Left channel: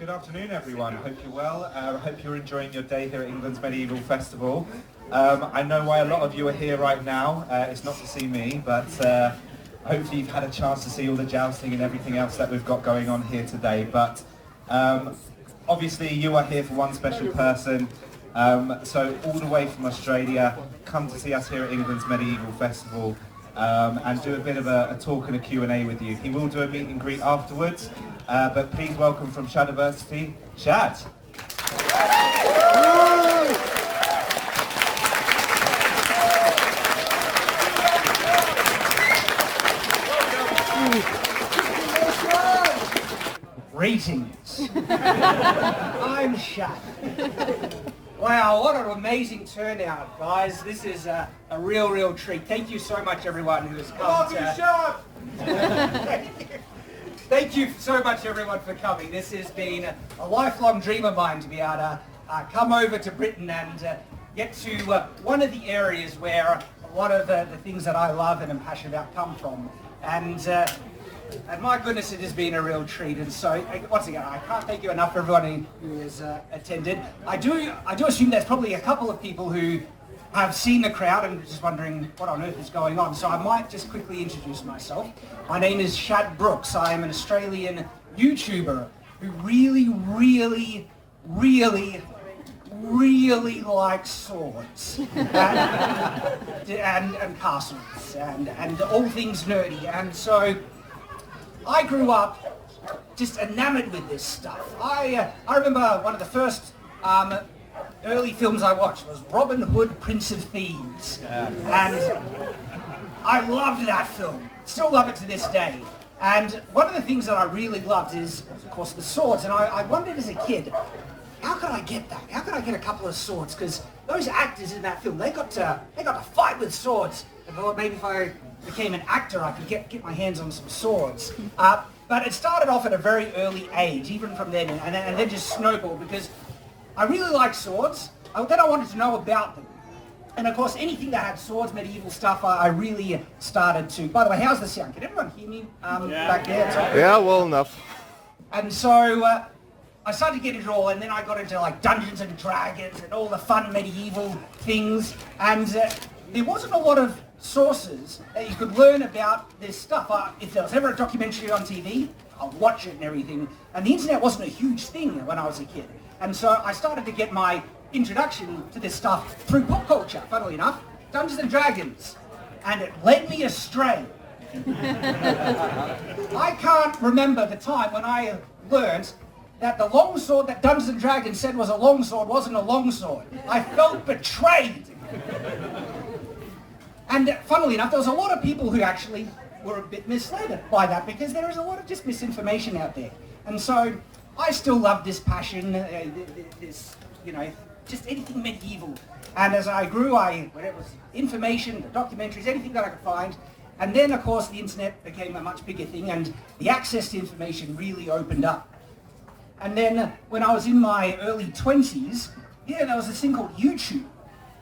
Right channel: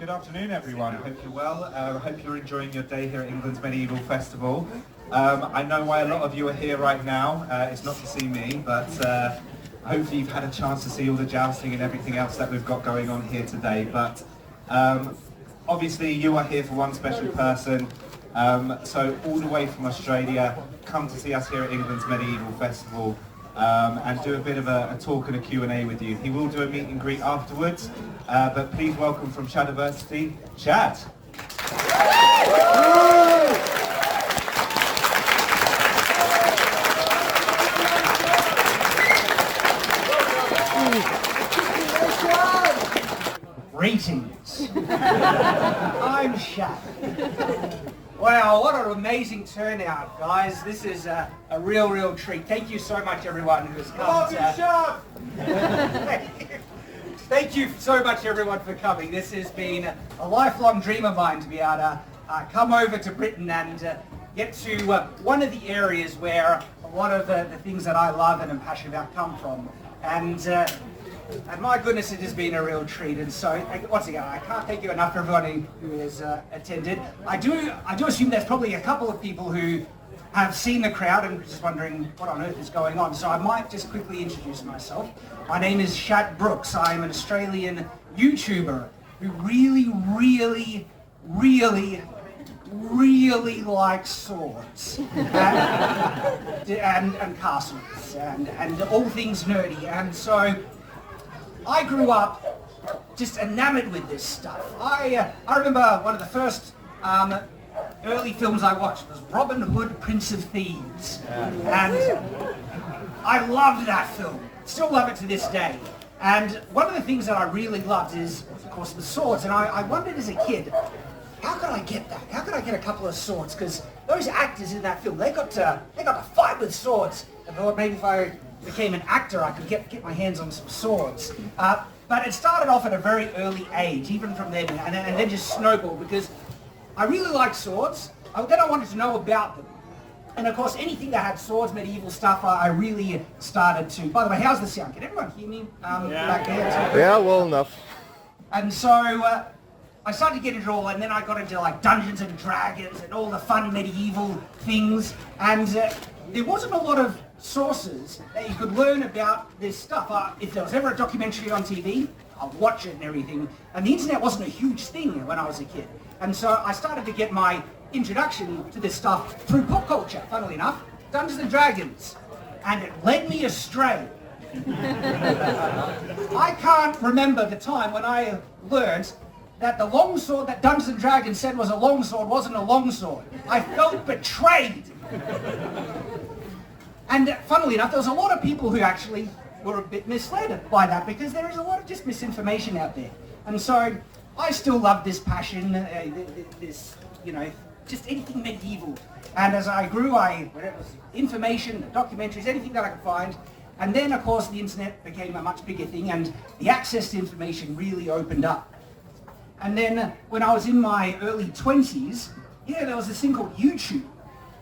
Good afternoon, everyone. I hope you're well. I hope you're enjoying your day here at England's Medieval Festival. I know why a lot of you are here right now. It's not to see me, but hopefully you've had a chance to see all the jousting and everything else that we've got going on here today. But obviously you are here for one special person. So all the way from Australia, come to see us here at England's Medieval Festival and do a bit of a talk and a Q&A with you. He will do a meet and greet afterwards, but please welcome from Shadiversity, Shad. Greetings. I'm Shad. Wow, what an amazing turnout, guys. This is a real treat. Thank you so much, everyone who has come. Thank you so much, everyone, for coming. This has been a lifelong dream of mine to be able to come over to Britain and get to one of the areas where a lot of the things that I love and am passionate about come from. And my goodness, it has been a real treat. And so, once again, I can't thank you enough for everyone who has attended. I do assume there's probably a couple of people who have seen the crowd and just wondering what on earth is going on. So I might just quickly introduce myself. My name is Shad Brooks. I am an Australian YouTuber who really likes swords and castles and all things nerdy. And so I grew up just enamored with this stuff. I remember one of the first early films I watched was Robin Hood, Prince of Thieves. And I loved that film. Still love it to this day. And one of the things that I really loved is, of course, the swords. And I wondered as a kid, how could I get that? How could I get a couple of swords? Because those actors in that film, they got to fight with swords. I thought maybe if I became an actor, I could get my hands on some swords. But it started off at a very early age, even from then, and then just snowballed, because I really liked swords. Then I wanted to know about them. And of course, anything that had swords, medieval stuff, I really started to. By the way, how's the sound? Can everyone hear me back there? Yeah, well enough. And so I started to get into it all, and then I got into like Dungeons and Dragons and all the fun medieval things. And there wasn't a lot of sources that you could learn about this stuff. If there was ever a documentary on TV, I'd watch it and everything. And the internet wasn't a huge thing when I was a kid. And so I started to get my introduction to this stuff through pop culture, funnily enough, Dungeons and Dragons. And it led me astray. I can't remember the time when I learned that the longsword that Dungeons and Dragons said was a longsword wasn't a longsword. I felt betrayed. And funnily enough, there was a lot of people who actually were a bit misled by that, because there is a lot of just misinformation out there. And so I still love this passion, this, just anything medieval. And as I grew, whether it was information, documentaries, anything that I could find. And then, of course, the internet became a much bigger thing, and the access to information really opened up. And then when I was in my early 20s, there was this thing called YouTube.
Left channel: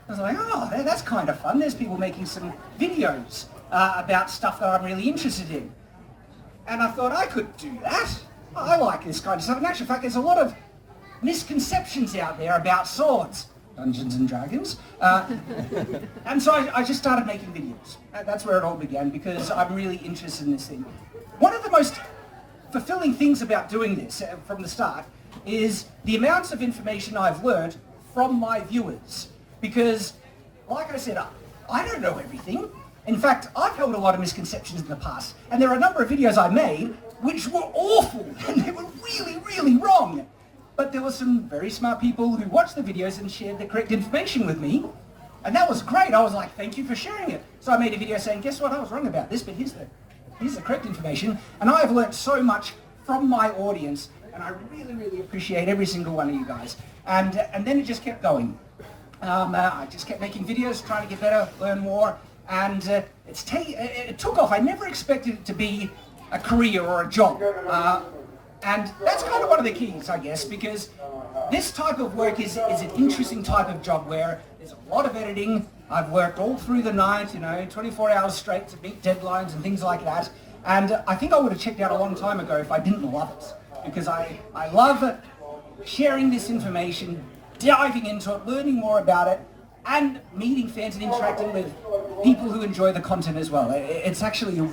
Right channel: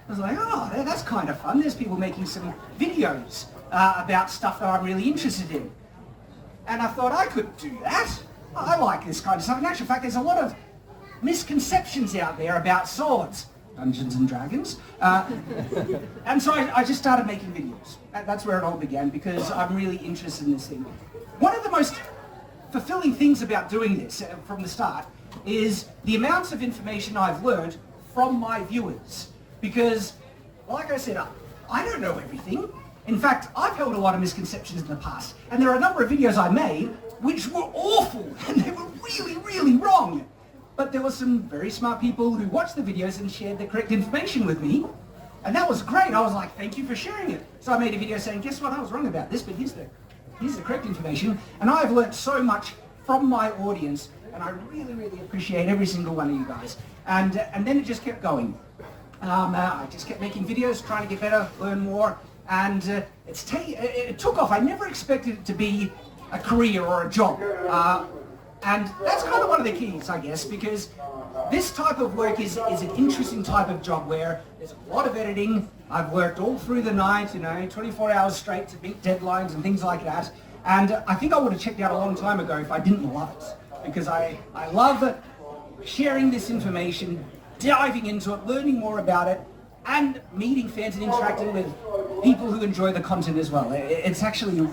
I was like, oh, that's kind of fun. There's people making some videos about stuff that I'm really interested in. And I thought I could do that. I like this kind of stuff. In actual fact, there's a lot of misconceptions out there about swords, Dungeons and Dragons. And so I just started making videos. That's where it all began, because I'm really interested in this thing. One of the most fulfilling things about doing this from the start is the amounts of information I've learned from my viewers. Because, like I said, I don't know everything. In fact, I've held a lot of misconceptions in the past. And there are a number of videos I made which were awful, and they were really wrong. But there were some very smart people who watched the videos and shared the correct information with me. And that was great. I was like, thank you for sharing it. So I made a video saying, guess what, I was wrong about this, but here's the correct information. And I've learned so much from my audience, and I really appreciate every single one of you guys. And then it just kept going. I just kept making videos, trying to get better, learn more, and it took off. I never expected it to be a career or a job. And that's kind of one of the keys, I guess, because this type of work is an interesting type of job where there's a lot of editing. I've worked all through the night, 24 hours straight to meet deadlines and things like that. And I think I would have checked out a long time ago if I didn't love it. because I love sharing this information, diving into it, learning more about it, and meeting fans and interacting with people who enjoy the content as well. It's actually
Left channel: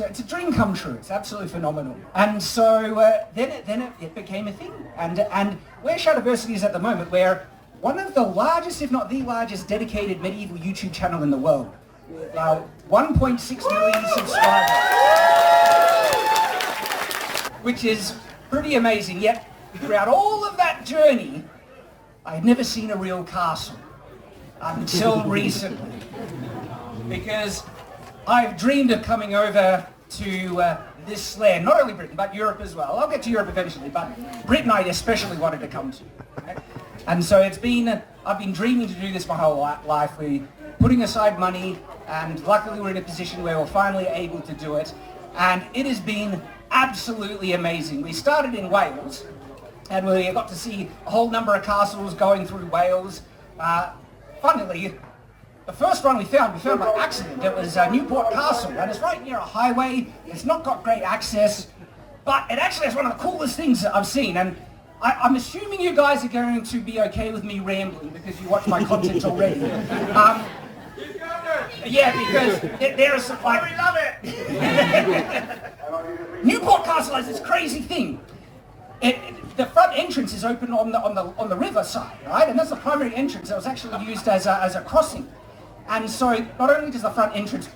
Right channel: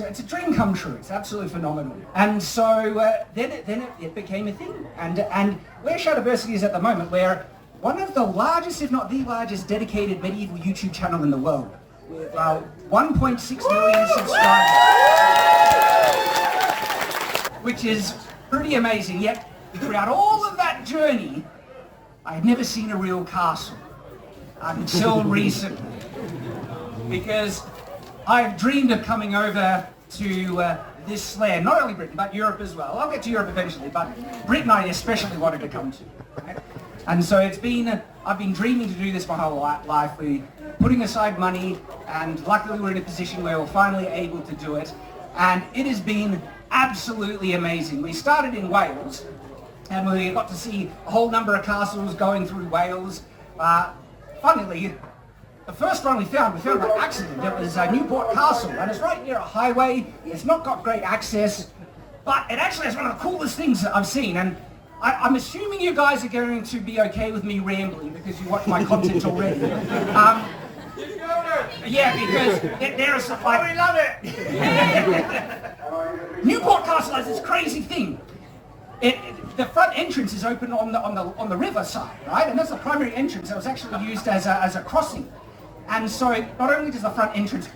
it's a dream come true. It's absolutely phenomenal. And so then it became a thing. And where Shadiversity is at the moment, we're one of the largest, if not the largest, dedicated medieval YouTube channel in the world, with 1.6 million subscribers, which is pretty amazing. Yet throughout all of that journey, I'd never seen a real castle until recently, because I've dreamed of coming over to this land, not only Britain, but Europe as well. I'll get to Europe eventually, but Britain I especially wanted to come to. Right? And so I've been dreaming to do this my whole life. We're putting aside money, and luckily we're in a position where we're finally able to do it. And it has been absolutely amazing. We started in Wales, and we got to see a whole number of castles going through Wales. Funnily, the first one we found by accident. It was Newport Castle, and it's right near a highway. It's not got great access, but it actually is one of the coolest things that I've seen. And I'm assuming you guys are going to be okay with me rambling because you watch my content already. Yeah, because there is like, we love it. Newport Castle has this crazy thing. The front entrance is open on the river side, right? And that's the primary entrance that was actually used as a crossing. And so not only does the front entrance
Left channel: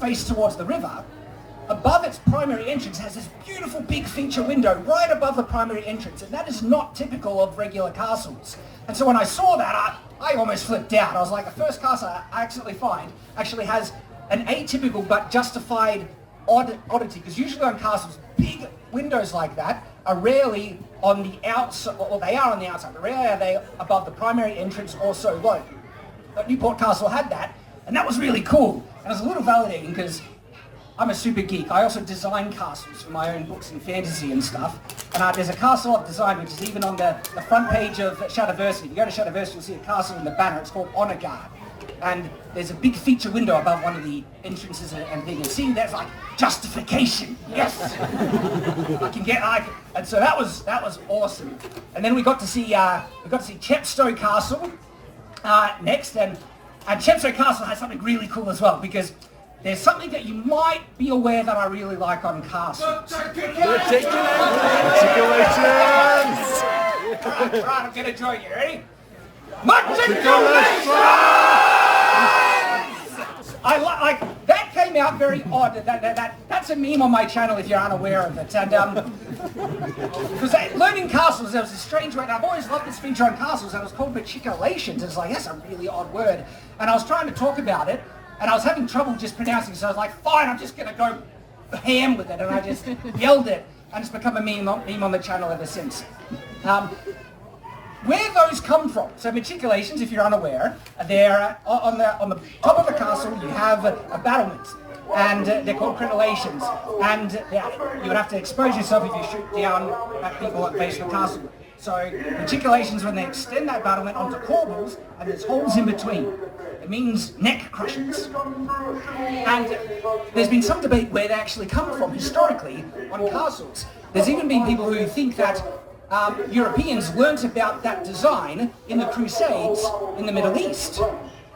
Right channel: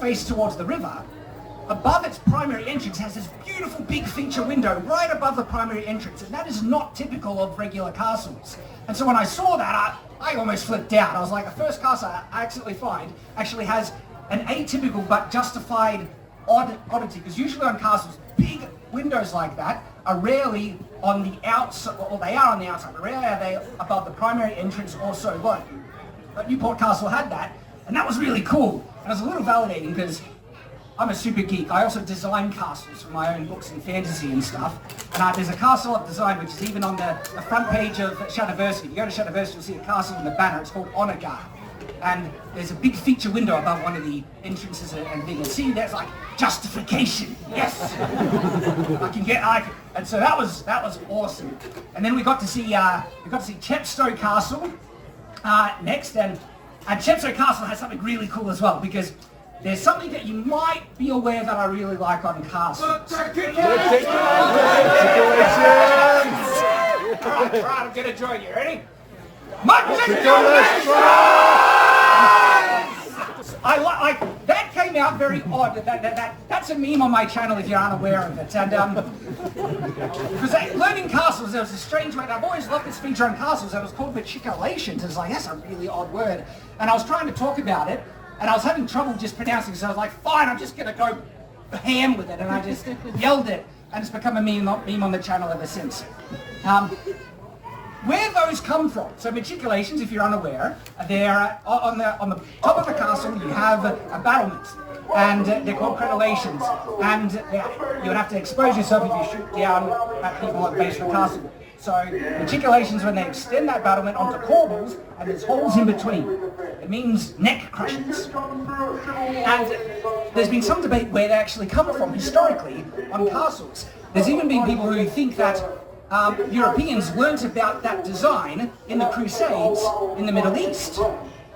face towards the river, above its primary entrance has this beautiful big feature window right above the primary entrance, and that is not typical of regular castles. And so when I saw that, I almost flipped out. I was like, the first castle I accidentally find actually has an atypical but justified oddity, because usually on castles, big windows like that are rarely on the outside, or they are on the outside, but rarely are they above the primary entrance or so low. But Newport Castle had that, and that was really cool. And it was a little validating because I'm a super geek. I also design castles for my own books and fantasy and stuff. And there's a castle I've designed which is even on the front page of Shadiversity. If you go to Shadiversity, you'll see a castle in the banner. It's called Honor Guard. And there's a big feature window above one of the entrances, and you can see that's like justification. Yes, and so that was awesome. And then we got to see Chepstow Castle next, and Chepstow Castle has something really cool as well, because there's something that you might be aware that I really like on castles. Right, I'm gonna join you. Ready? I like that came out very odd. That's a meme on my channel if you're unaware of it. And because learning castles, there was a strange word. I've always loved this feature on castles. That was called matriculations. It's like, that's a really odd word. And I was trying to talk about it, and I was having trouble just pronouncing it. So I was like, fine, I'm just gonna go ham with it, and I just yelled it, and it's become a meme on the channel ever since. Where those come from? So matriculations, if you're unaware, they're on the top of the castle. You have a battlement, and they're called crenellations. And you would have to expose yourself if you shoot down at people at the base of the castle. So matriculations, when they extend that battlement onto corbels, and there's holes in between, it means neck crushings. And there's been some debate where they actually come from historically on castles. There's even been people who think that Europeans learnt about that design in the Crusades in the Middle East.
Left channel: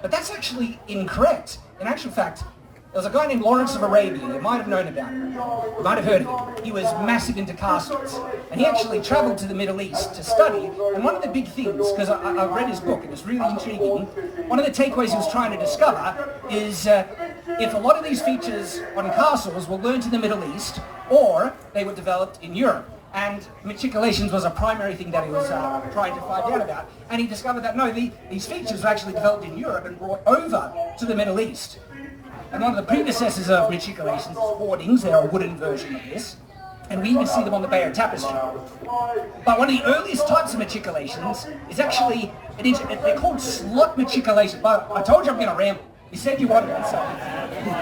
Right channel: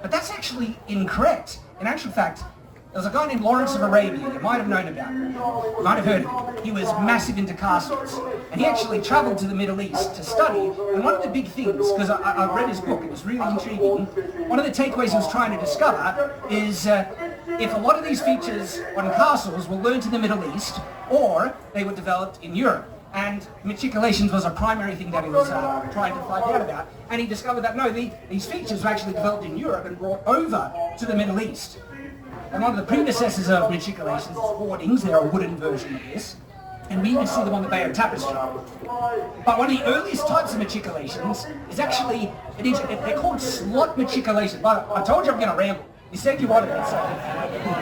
But that's actually incorrect. In actual fact, there was a guy named Lawrence of Arabia. You might have known about him. You might have heard of him. He was massive into castles. And he actually traveled to the Middle East to study. And one of the big things, because I read his book, it was really intriguing, one of the takeaways he was trying to discover is if a lot of these features on castles were learned in the Middle East, or they were developed in Europe. And matriculations was a primary thing that he was trying to find out about. And he discovered that, no, these features were actually developed in Europe and brought over to the Middle East. And one of the predecessors of matriculations is hoardings. They're a wooden version of this. And we even see them on the Bayeux Tapestry. But one of the earliest types of matriculations is actually, they're called slot matriculations. But I told you I'm going to ramble. You said you wanted it, so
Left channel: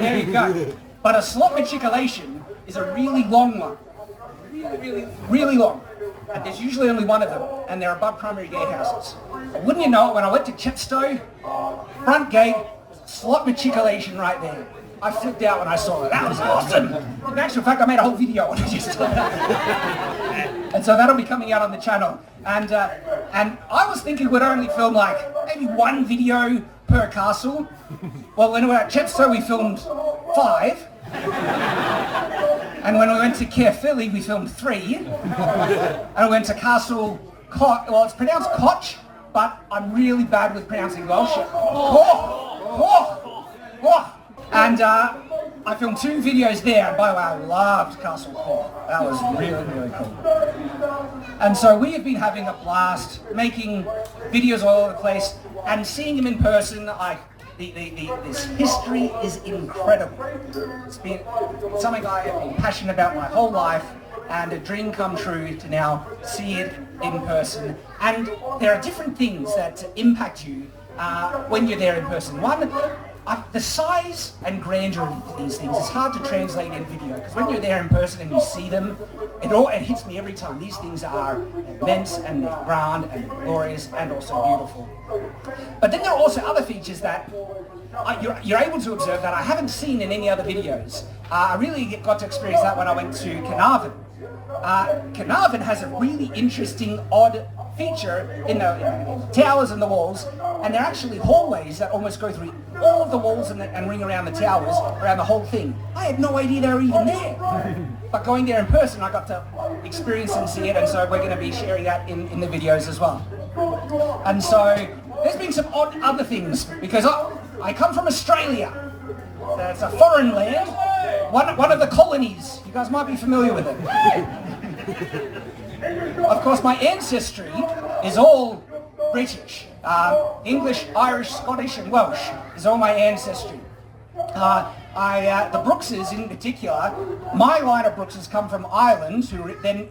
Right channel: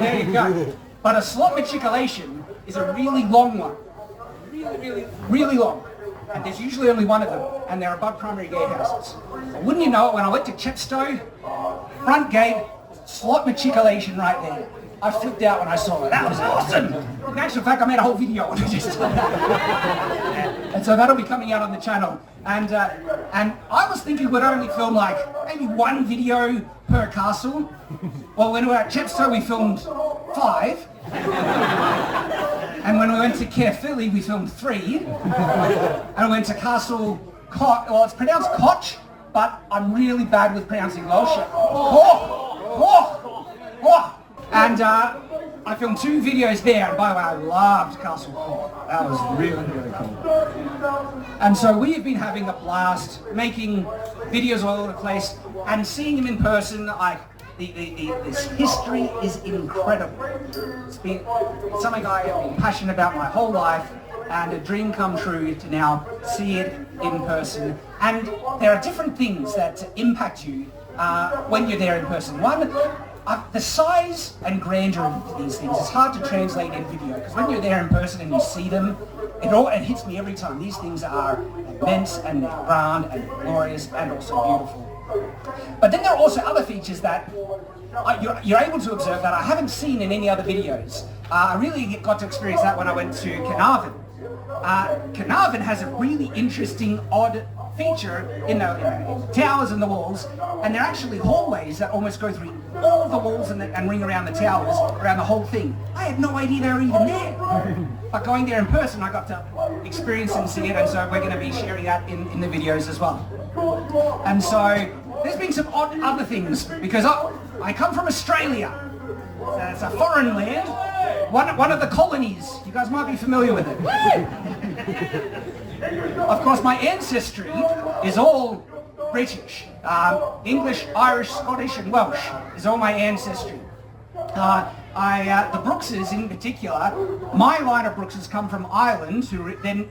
there you go. But a slot matriculation is a really long one. Really long. And there's usually only one of them, and they're above primary gatehouses. And wouldn't you know it, when I went to Chepstow, front gate, slot matriculation right there. I flipped out when I saw it. That was awesome. In actual fact, I made a whole video on it. And so that'll be coming out on the channel. And I was thinking we'd only film like maybe one video per castle. Well, when we were at Chepstow, we filmed 5. And when we went to Caerphilly, we filmed 3. And we went to Castle Koch. Well, it's pronounced Koch, but I'm really bad with pronouncing Welsh. And I filmed 2 videos there, and by the way, I loved Castle Koch. That was really, really cool. And so we have been having a blast making videos all over the place and seeing them in person. This history is incredible. It's been something I have been passionate about my whole life, and a dream come true to now see it in person. And there are different things that impact you when you're there in person. One, the size and grandeur of these things is hard to translate in video, because when you're there in person and you see them, it hits me every time. These things are immense and they're grand and glorious and also beautiful. But then there are also other features that you're able to observe that I haven't seen in any other videos. I really got to experience that when I went to Carnarvon. Carnarvon has a really interesting, odd feature in the towers and the walls, and they're actually hallways that almost go through all of the walls and ring around the towers, around the whole thing. I had no idea they were even there. But going there in person, I got to experience and see it, and so we're going to be sharing that in the videos as well. And so there's been some odd other things, because I come from Australia. It's a foreign land, one of the colonies. You guys might be familiar with it. Of course, my ancestry is all British. English, Irish, Scottish and Welsh is all my ancestry. The Brookses in particular, my line of Brookses come from Ireland, who then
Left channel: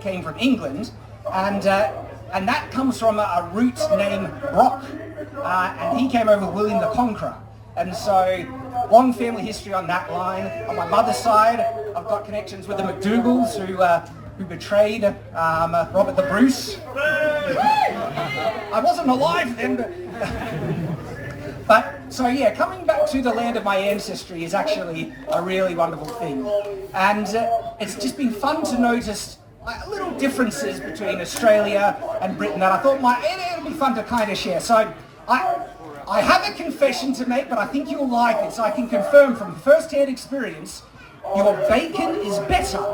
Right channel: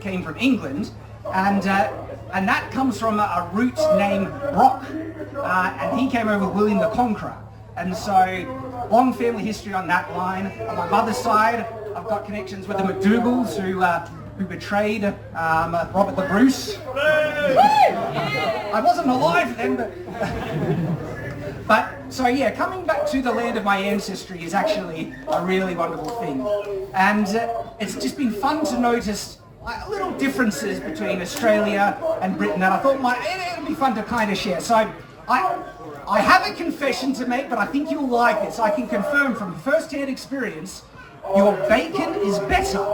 came from England, and that comes from a root named Brock, and he came over with William the Conqueror. And so, long family history on that line. On my mother's side, I've got connections with the McDougalls, who betrayed Robert the Bruce. I wasn't alive then, but so yeah, coming back to the land of my ancestry is actually a really wonderful thing, and it's just been fun to notice little differences between Australia and Britain that I thought it'd be fun to kind of share. So I have a confession to make, but I think you'll like it. So I can confirm from first-hand experience, your bacon is better.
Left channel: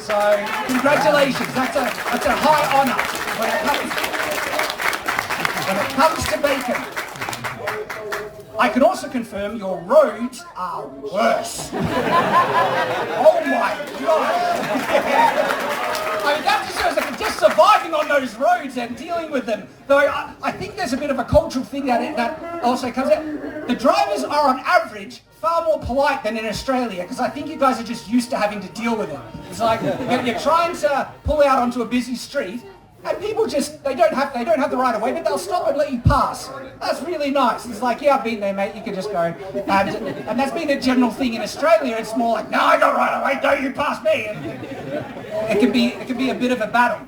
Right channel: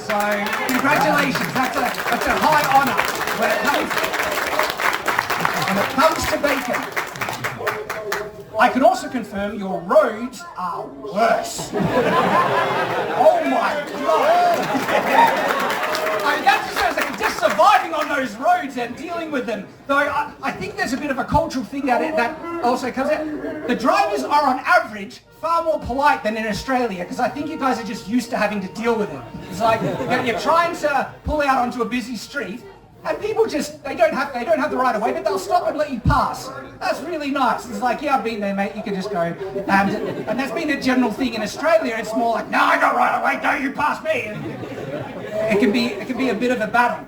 So congratulations, that's a high honour when it comes to bacon. I can also confirm your roads are worse. Oh my God. I mean, that just shows that just surviving on those roads and dealing with them. Though I think there's a bit of a cultural thing that also comes out. The drivers are on average far more polite than in Australia, because I think you guys are just used to having to deal with it. It's like you're trying to pull out onto a busy street, and people just they don't have the right of way, but they'll stop and let you pass. That's really nice. It's like, yeah, I've been there, mate. You can just go. And that's been a general thing in Australia. It's more like, no, I got right of way. Don't you pass me. And it can be a bit of a battle.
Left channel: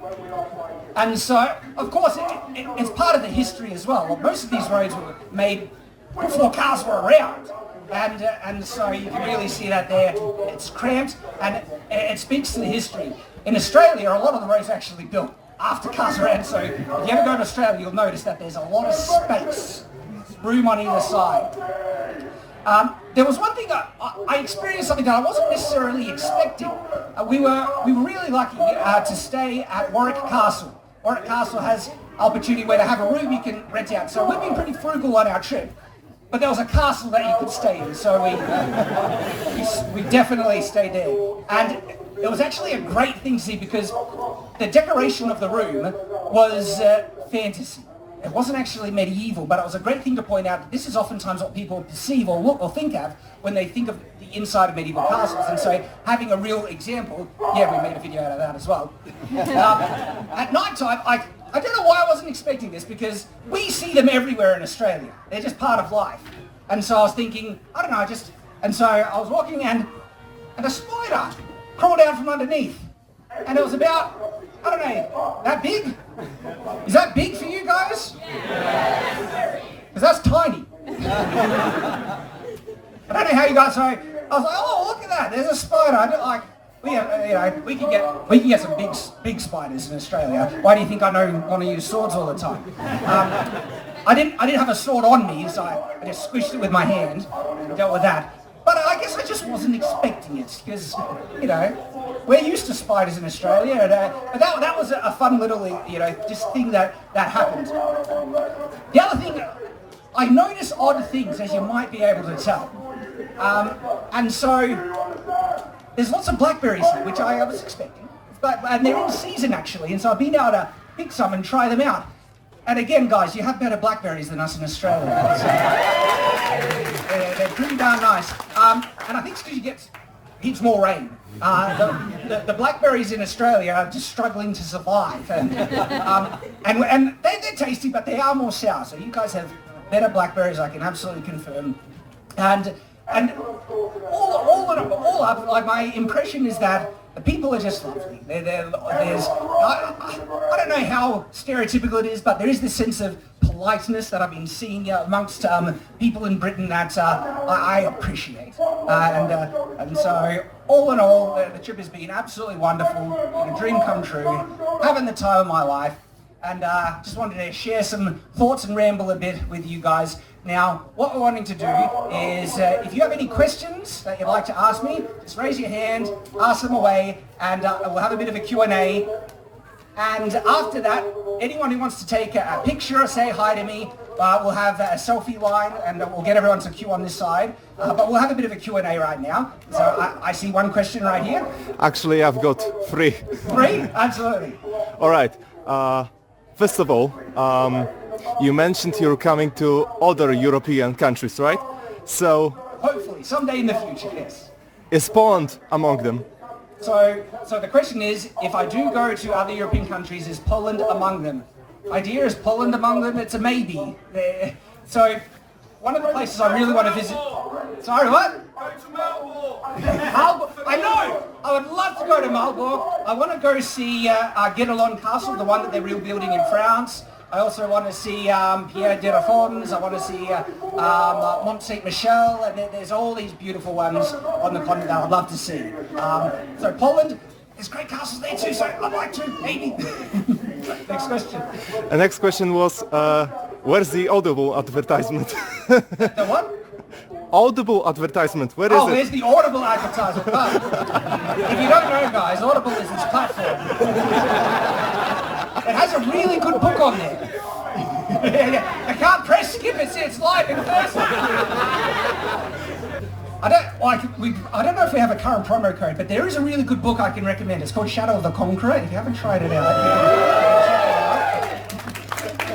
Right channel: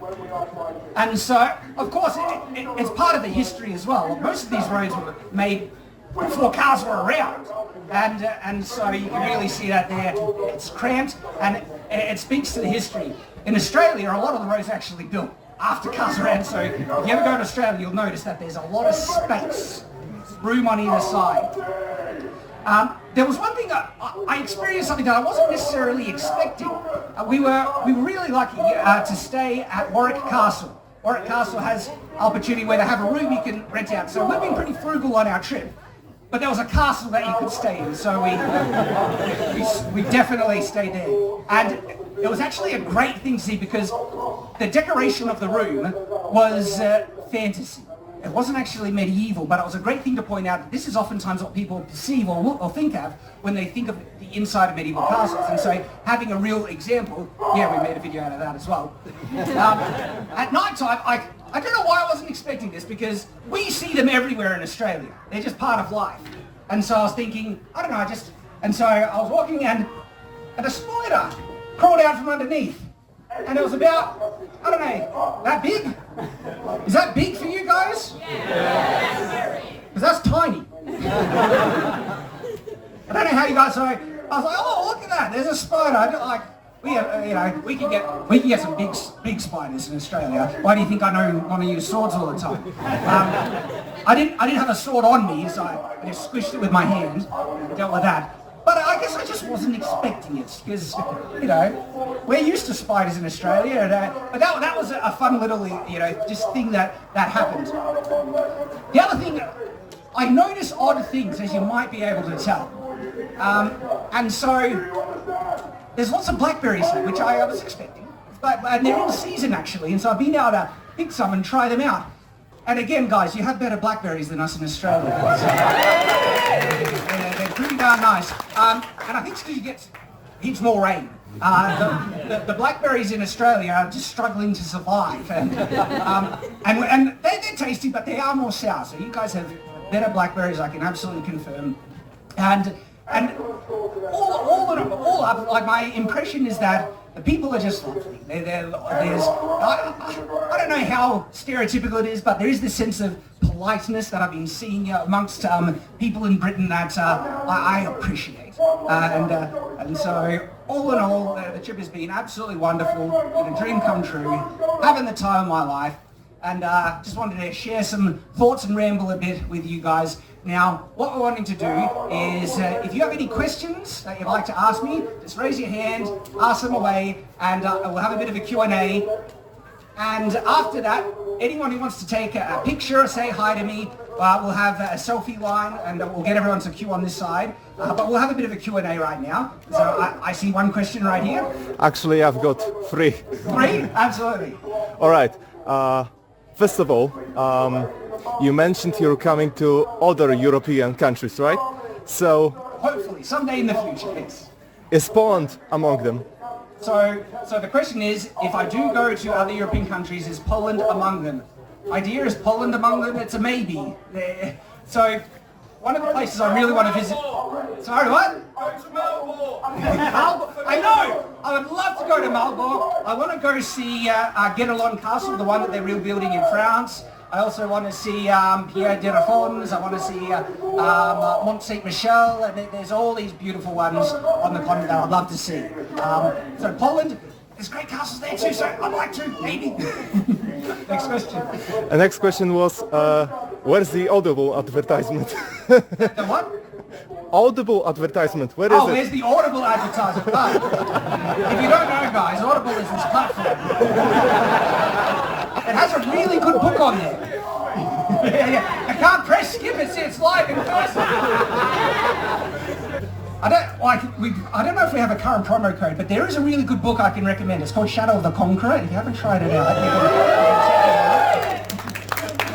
And so, of course, it's part of the history as well. Most of these roads were made before cars were around. And so you can really see that there. It's cramped, and it speaks to the history. In Australia, a lot of the roads are actually built after cars around, so if you ever go to Australia, you'll notice that there's a lot of space, room on either side. There was one thing I experienced something that I wasn't necessarily expecting. We were really lucky to stay at Warwick Castle. Warwick Castle has opportunity where they have a room you can rent out. So we've been pretty frugal on our trip, but there was a castle that you could stay in, so we definitely stayed there. And it was actually a great thing to see, because the decoration of the room was fantasy. It wasn't actually medieval, but it was a great thing to point out that this is oftentimes what people perceive or look or think of when they think of the inside of medieval castles. And so having a real example, yeah, we made a video out of that as well. At night time, I don't know why I wasn't expecting this, because we see them everywhere in Australia. They're just part of life. And so I was thinking, I don't know, and so I was walking and a spider crawled out from underneath. And it was about, I don't know, that big? Is that big for you guys? Yeah. Because that's tiny. I don't know how you guys know. I was like, oh, look at that, there's a spider. we can get some big spiders in Australia. Why do you think I want to use swords all the time? I didn't have a sword on me, so I just squished it with my hand and dealt with that. But I guess I just wasn't expecting it because, we're used to spiders in Australia, and that was a fun little, just thing that happened. The other thing, I notice odd things, as you might be able to tell. And so, there's lots of blackberries here, which I was expecting. And they're in season, actually, and so I've been able to pick some and try them out. And again, guys, you have better blackberries than us in Australia. They're pretty darn nice. And I think it's because you get heaps more rain. The blackberries in Australia are just struggling to survive. And they're tasty, but they are more sour. So you guys have better blackberries, I can absolutely confirm. And all up, like my impression is that the people are just lovely. I don't know how stereotypical it is, but there is this sense of politeness that I've been seeing amongst people in Britain that I appreciate. And so, all in all, the trip has been absolutely wonderful, a dream come true, having the time of my life, and just wanted to share some thoughts and ramble a bit with you guys. Now, what we're wanting to do is, if you have any questions that you'd like to ask me, just raise your hand, ask them away, and we'll have a bit of a Q&A. And after that, anyone who wants to take a picture or say hi to me, we'll have a selfie line, and we'll get everyone to queue on this side. But we'll have a bit of a Q&A right now. So I see one question right here. Actually, I've got three. Three? Absolutely. All right. First of all, you mentioned you're coming to other European countries, right? So, hopefully, someday in the future, yes. Is Poland among them? So the question is, if I do go to other European countries, is Poland among them? Idea is Poland among them? It's a maybe. So, one of the places I really want to visit... Sorry, what? I know! I would love to go to Marburg. I want to go see Guédelon Castle, the one that they're rebuilding in France. I also want to see Pierre de Réformes. I want to see Mont Saint-Michel, and there's all these beautiful ones on the continent that I'd love to see. So Poland, there's great castles there too, so I'd like to, maybe. Next question. The next question was, where's the Audible advertisement? The what? Audible advertisement, where is it? Oh, there's the Audible advertisement. But if you don't know, guys, Audible is this platform. It has a really good book on there. I can't press skip it, see it's live in person. I don't know if we have a current promo code, but there is a really good book I can recommend. It's called Shadow of the Conqueror. If you haven't tried it out, you can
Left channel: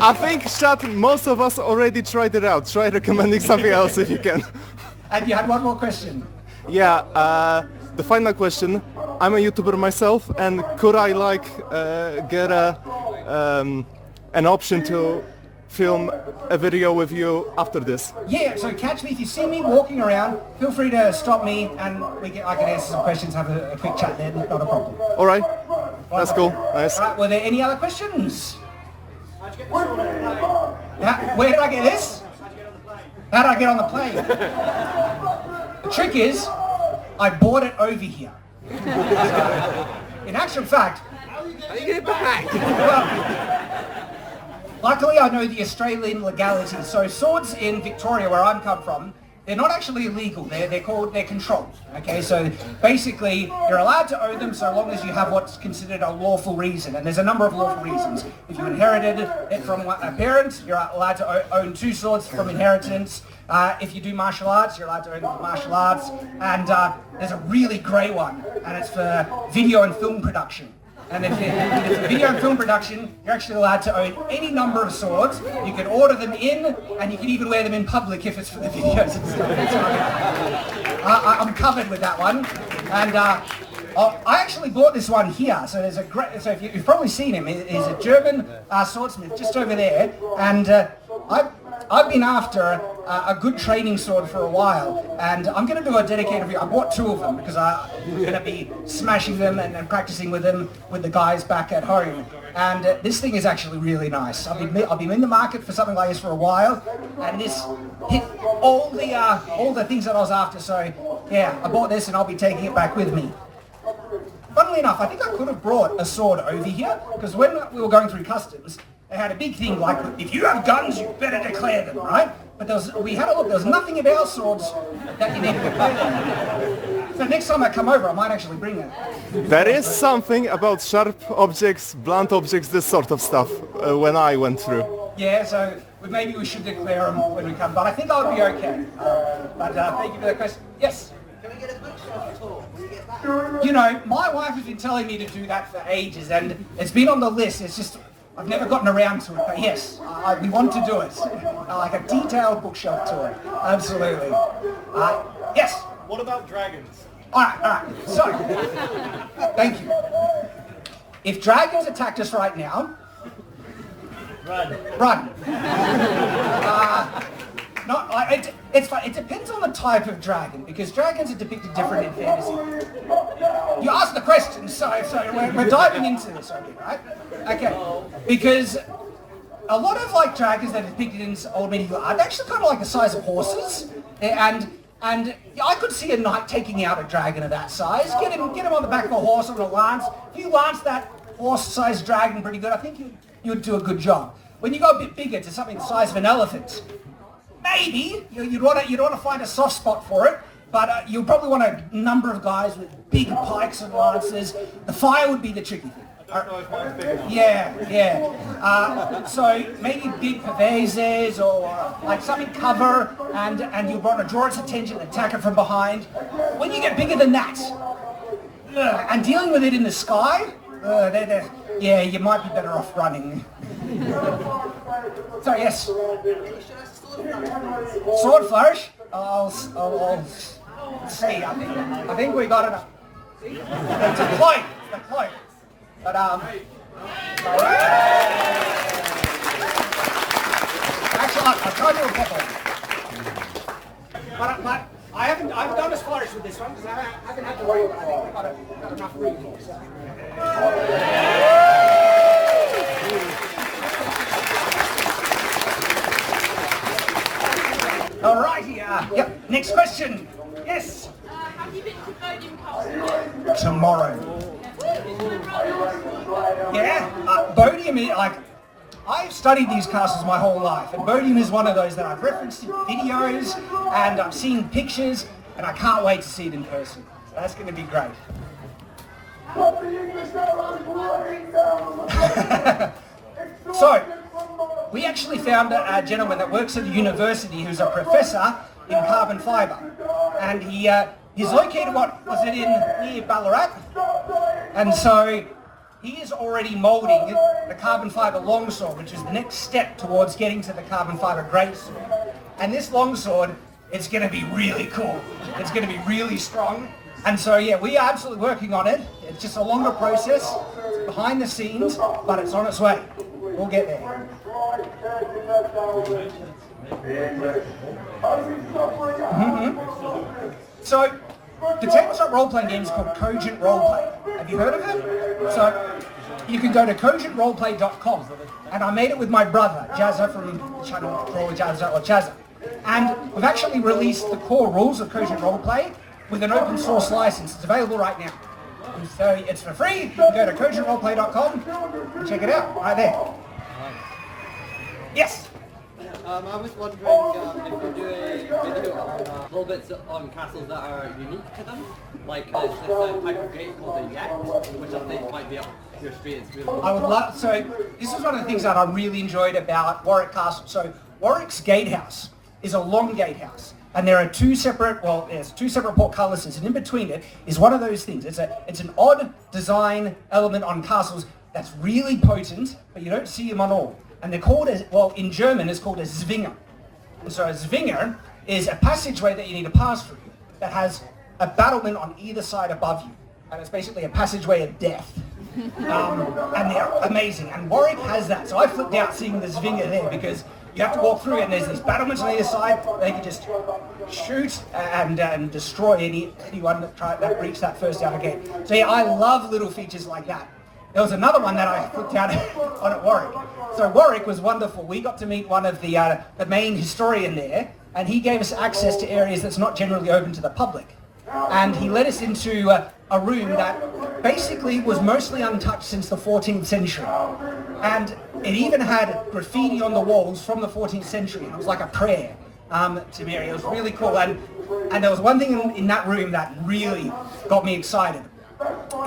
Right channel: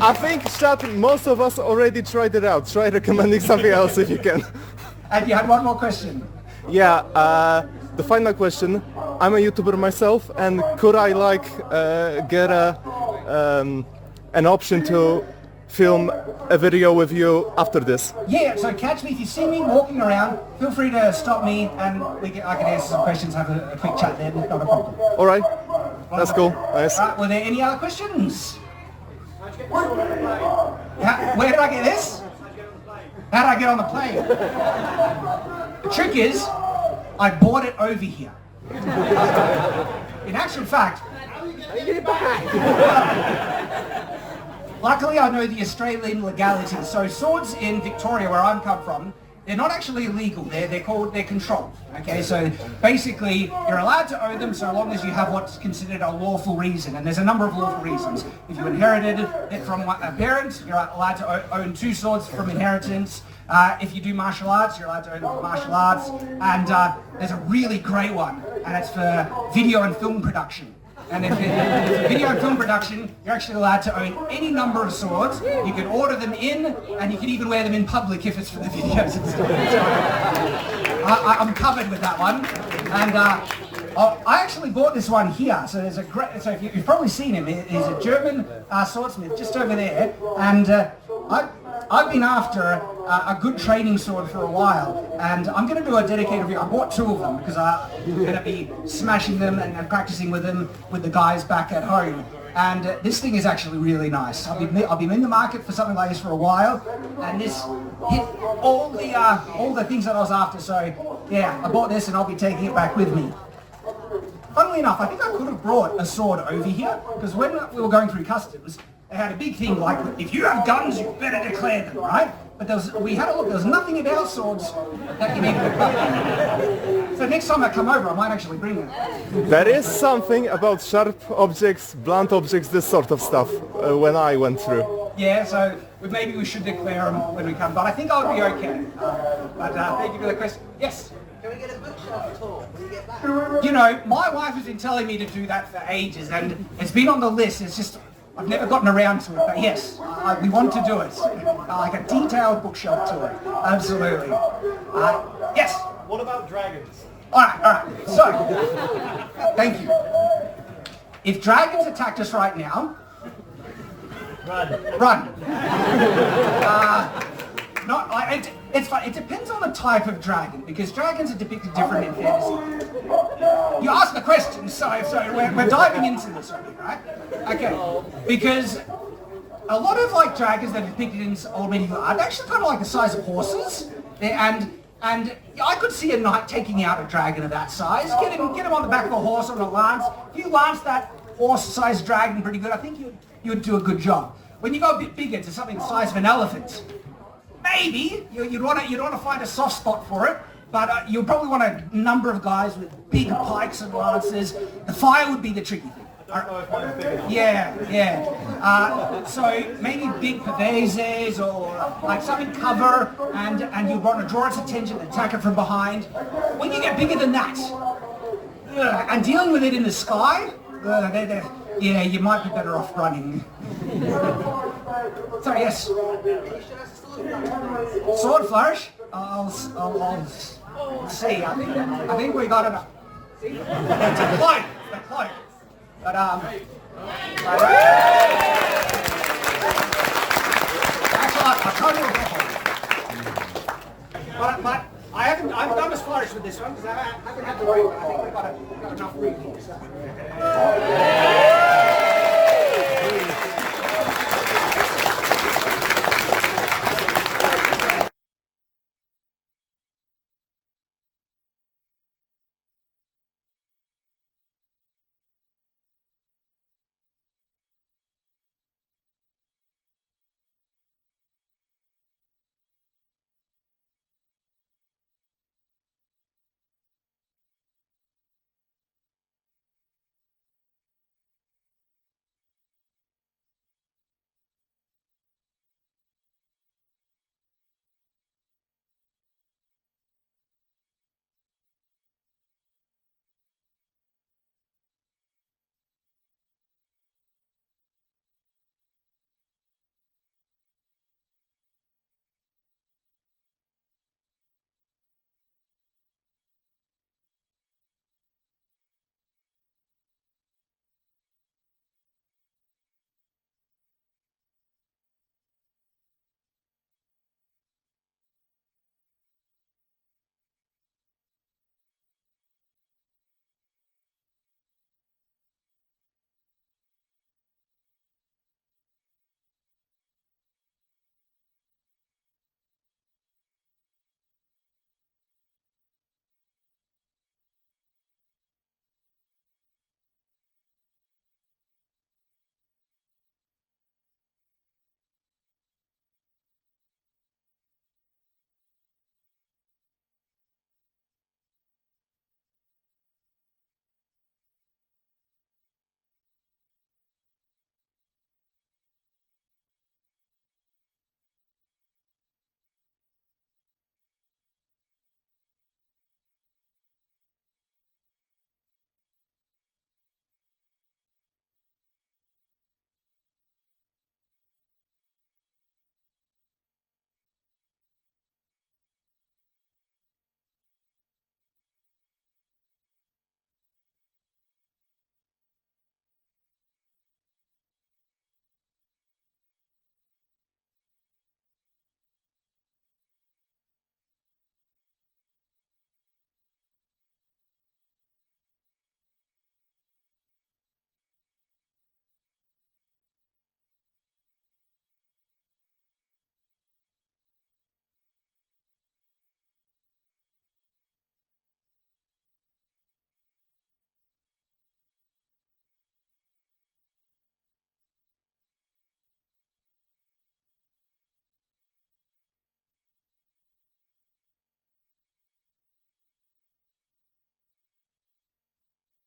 I think, most of us already tried it out. Try recommending something else if you can. And you had one more question. Yeah, the final question. I'm a YouTuber myself, and could I get an option to film a video with you after this? Yeah, so catch me if you see me walking around. Feel free to stop me, and I can answer some questions, have a quick chat then. Not a problem. All right, that's cool. Nice. Right, were there any other questions? Yeah, where did I get this? How did I get on the plane? The trick is, I bought it over here. In actual fact, how did you get it back? Luckily, I know the Australian legality. So swords in Victoria, where I'm come from, they're not actually illegal. They're controlled. Okay, so basically, you're allowed to own them so long as you have what's considered a lawful reason. And there's a number of lawful reasons. If you inherited it from a parent, you're allowed to own 2 swords from inheritance. If you do martial arts, you're allowed to own martial arts. And there's a really great one, and it's for video and film production. And if it's for video and film production, you're actually allowed to own any number of swords. You can order them in, and you can even wear them in public if it's for the videos and stuff. I'm covered with that one. And I actually bought this one here. So there's a great. So you've probably seen him. He's a German swordsmith just over there. And I've been after a good training sword for a while, and I'm going to do a dedicated video. I bought 2 of them because I'm going to be smashing them and practicing with them with the guys back at home. And this thing is actually really nice. I've been in the market for something like this for a while, and this hit all the things that I was after. So yeah, I bought this, and I'll be taking it back with me. funnily enough, I think I could have brought a sword over here, because when we were going through customs, they had a big thing like, if you have guns, you better declare them, right? But we had a look, there was nothing of our swords that you needed to declare. So next time I come over, I might actually bring it. There is something about sharp objects, blunt objects, this sort of stuff, when I went through. Yeah, so maybe we should declare them when we come, but I think I'll be okay. But thank you for that question. Yes? Can we get a bookshop tour when you get back? You know, my wife has been telling me to do that for ages, and it's been on the list. It's just, I've never gotten around to it, but yes, we want to do it. Like a detailed bookshop tour. Absolutely. Yes? What about dragons? All right. So, thank you. If dragons attacked us right now, run. It's fun. It depends on the type of dragon, because dragons are depicted different in fantasy. You asked the question, so we're diving into this already, right? Okay, because a lot of like dragons that are depicted in old medieval art, they're actually kind of like the size of horses, and I could see a knight taking out a dragon of that size. Get him on the back of a horse on a lance. If you lance that horse-sized dragon pretty good, I think you'd do a good job. When you go a bit bigger to something the size of an elephant, maybe you'd want to find a soft spot for it, but you'll probably want a number of guys with big pikes and lances. The fire would be the tricky thing. Yeah. So maybe big pavesses or like something cover, and you want to draw its attention and attack it from behind. When you get bigger than that, and dealing with it in the sky, you might be better off running. So yes. Sword flourish? I'll see. I think we got enough. See? It's a cloak. But actually, I'll tell you a couple. But I haven't done as flourish with this one because I haven't had to worry about it. I think we've got enough room here. So. Alrighty, yep, next question. Yes? Have you been to Bodiam Castle? Tomorrow. Yeah, Bodiam is like, I've studied these castles my whole life, and Bodiam is one of those that I've referenced in videos, and I've seen pictures, and I can't wait to see it in person. So that's going to be great. So, we actually found a gentleman that works at the university who's a professor in carbon fibre, and he's located, near Ballarat, and so he is already moulding the carbon fibre longsword, which is the next step towards getting to the carbon fibre greatsword. And this longsword, it's going to be really cool. It's going to be really strong, and so yeah, we are absolutely working on it. It's just a longer process, it's behind the scenes, but it's on its way. We'll get there. So, the tabletop role-playing game is called Cogent Roleplay. Have you heard of it? So, you can go to cogentroleplay.com, and I made it with my brother, Jazza, from the channel Roll with Jazza or Jazza. And we've actually released the core rules of Cogent Roleplay with an open source license. It's available right now. And so it's for free. You can go to cogentroleplay.com and check it out right there. Yes? I was wondering if you do a video on little bits on castles that are unique to them, like there's a type of gate called the Yak, which I think might be up your street. It's really I would love, so this is one of the things that I really enjoyed about Warwick Castle. So Warwick's gatehouse is a long gatehouse, and there are two separate portcullises, and in between it is one of those things. It's an odd design element on castles that's really potent, but you don't see them on all. And they're called in German it's called a Zwinger. And so a Zwinger is a passageway that you need to pass through that has a battlement on either side above you. And it's basically a passageway of death. And they're amazing. And Warwick has that. So I flipped out seeing the Zwinger there because you have to walk through it and there's these battlements on either side. They can just shoot and destroy anyone that breach that first outer gate. So yeah, I love little features like that. There was another one that I flipped out on at Warwick. So Warwick was wonderful. We got to meet one of the main historian there, and he gave us access to areas that's not generally open to the public. And he led us into a room that basically was mostly untouched since the 14th century. And it even had graffiti on the walls from the 14th century. It was like a prayer to Mary. It was really cool. And there was one thing in that room that really got me excited.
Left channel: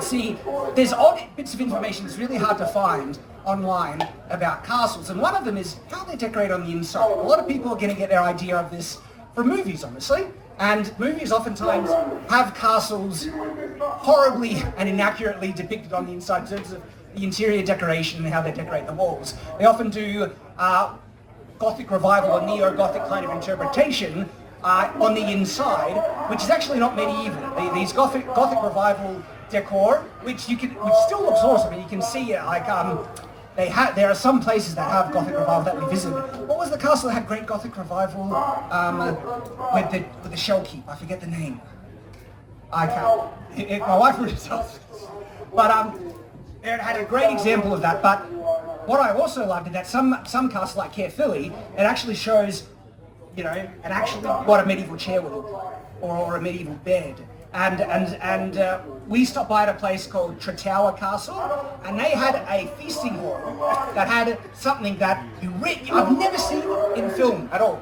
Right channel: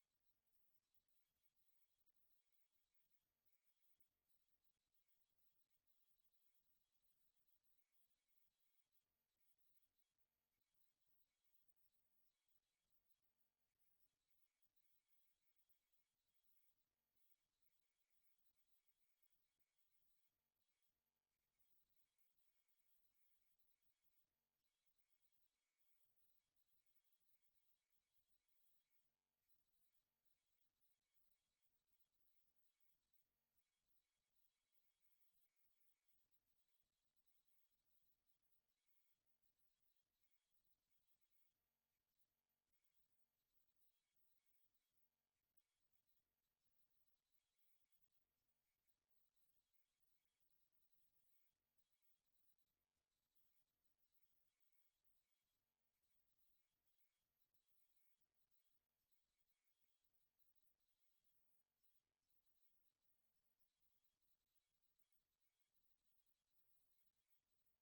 See, there's odd bits of information that's really hard to find online about castles, and one of them is how they decorate on the inside. A lot of people are going to get their idea of this from movies, honestly, and movies oftentimes have castles horribly and inaccurately depicted on the inside in terms of the interior decoration and how they decorate the walls. They often do Gothic revival or neo-Gothic kind of interpretation on the inside, which is actually not medieval. These Gothic revival decor, which still looks awesome, and you can see like there are some places that have Gothic revival that we visited. What was the castle that had great Gothic revival with the shell keep? I forget the name. I can't. My wife would have told me. But it had a great example of that. But what I also loved is that some castles like Caerphilly, it actually shows, what a medieval chair would look like, or a medieval bed. And we stopped by at a place called Tretower Castle, and they had a feasting hall that had something that I've never seen in film at all.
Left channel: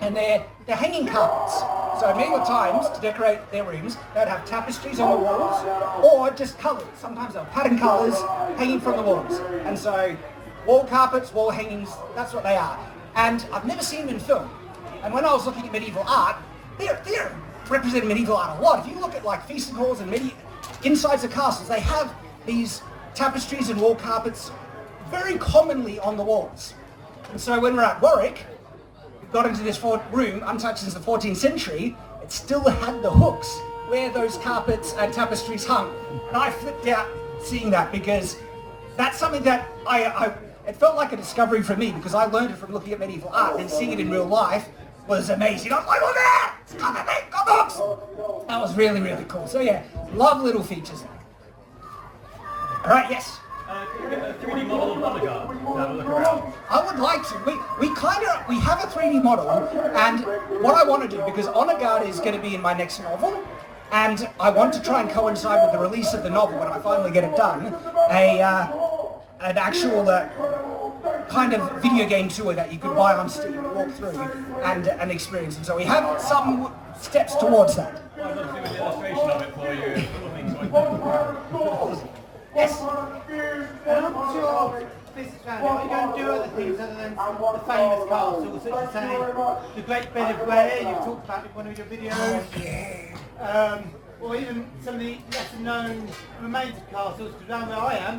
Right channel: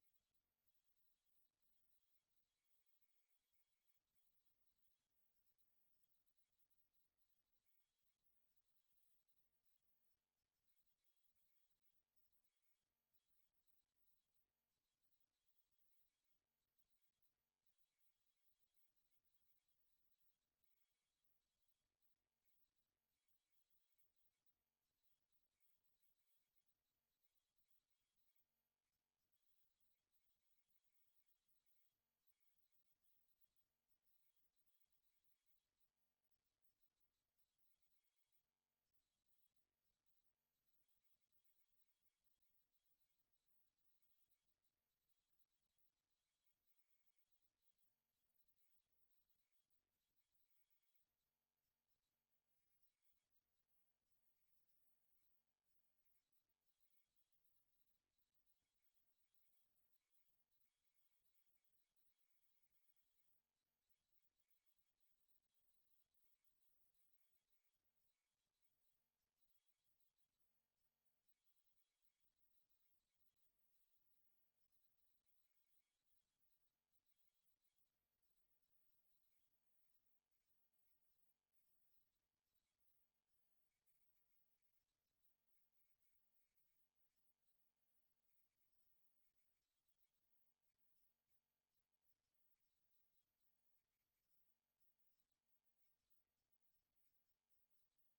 And they're hanging carpets. So medieval times, to decorate their rooms, they'd have tapestries on the walls, or just colours. Sometimes they'll pattern colours hanging from the walls. And so wall carpets, wall hangings, that's what they are. And I've never seen them in film. And when I was looking at medieval art, they're representing medieval art a lot. If you look at like feasting halls and insides of castles, they have these tapestries and wall carpets very commonly on the walls. And so when we're at Warwick, we got into this room, untouched since the 14th century, it still had the hooks where those carpets and tapestries hung. And I flipped out seeing that, because that's something that it felt like a discovery for me, because I learned it from looking at medieval art, and seeing it in real life was amazing. I was like, look at that! It's got the hooks! That was really, really cool. So yeah, love little features like. Alright, yes? Can we get a 3D model of Bodyguard to have a look around? I would like to. We have a 3D model, and what I want to do, because Honor Guard is going to be in my next novel, and I want to try and coincide with the release of the novel when I finally get it done, an actual kind of video game tour that you could buy on Steam and walk through and experience. And so we have some steps towards that. I'd love to do an illustration of it for you. Yes. What's your business plan? Are you going to do other things other than the famous castles, such as say the Great Bed of Ware you've talked about in one of your videos? Or even some of the lesser known remains of castles, because around where I am,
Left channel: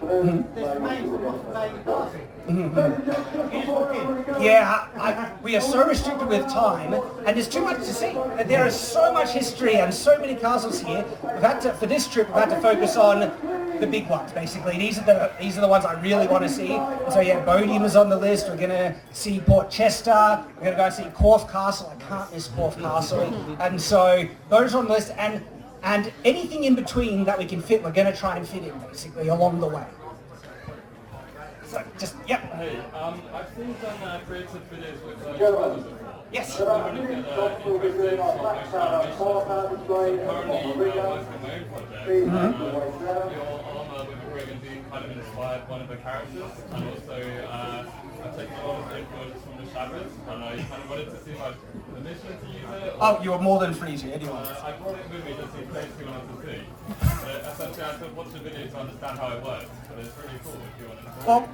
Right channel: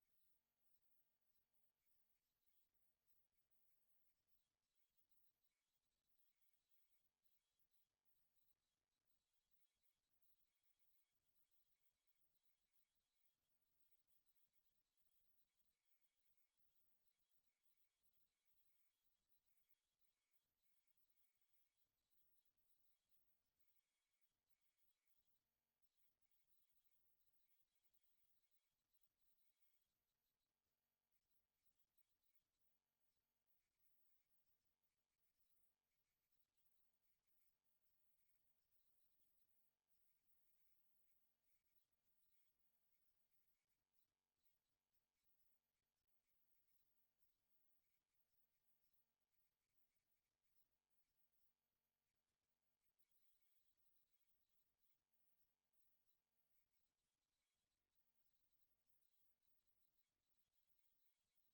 there's remains of Rotterdam Castle. You just walk in. Yeah, we are so restricted with time, and there's too much to see. There is so much history and so many castles here. For this trip, we've had to focus on the big ones, basically. These are the ones I really want to see. And so yeah, Bodiam is on the list. We're going to see Port Chester. We're going to go see Corfe Castle. I can't miss Corfe Castle. And so those are on the list. And anything in between that we can fit, we're going to try and fit in, basically, along the way. So, just, yep. Hey, I've seen some creative videos with travelers. Yes. I'm really interested in stop-motion animation. So currently, working on my own project. Your armor with the Brigham being kind of inspired one of the characters, and also I've taken a lot of influence from the Shabbos, and I kind of wanted to see if I had permission to use it. Oh, you are more than free to, anyone. I brought it with me just in case you wanted to see. But essentially, I could watch the video to understand how it works, but it's really cool if you want to. Well,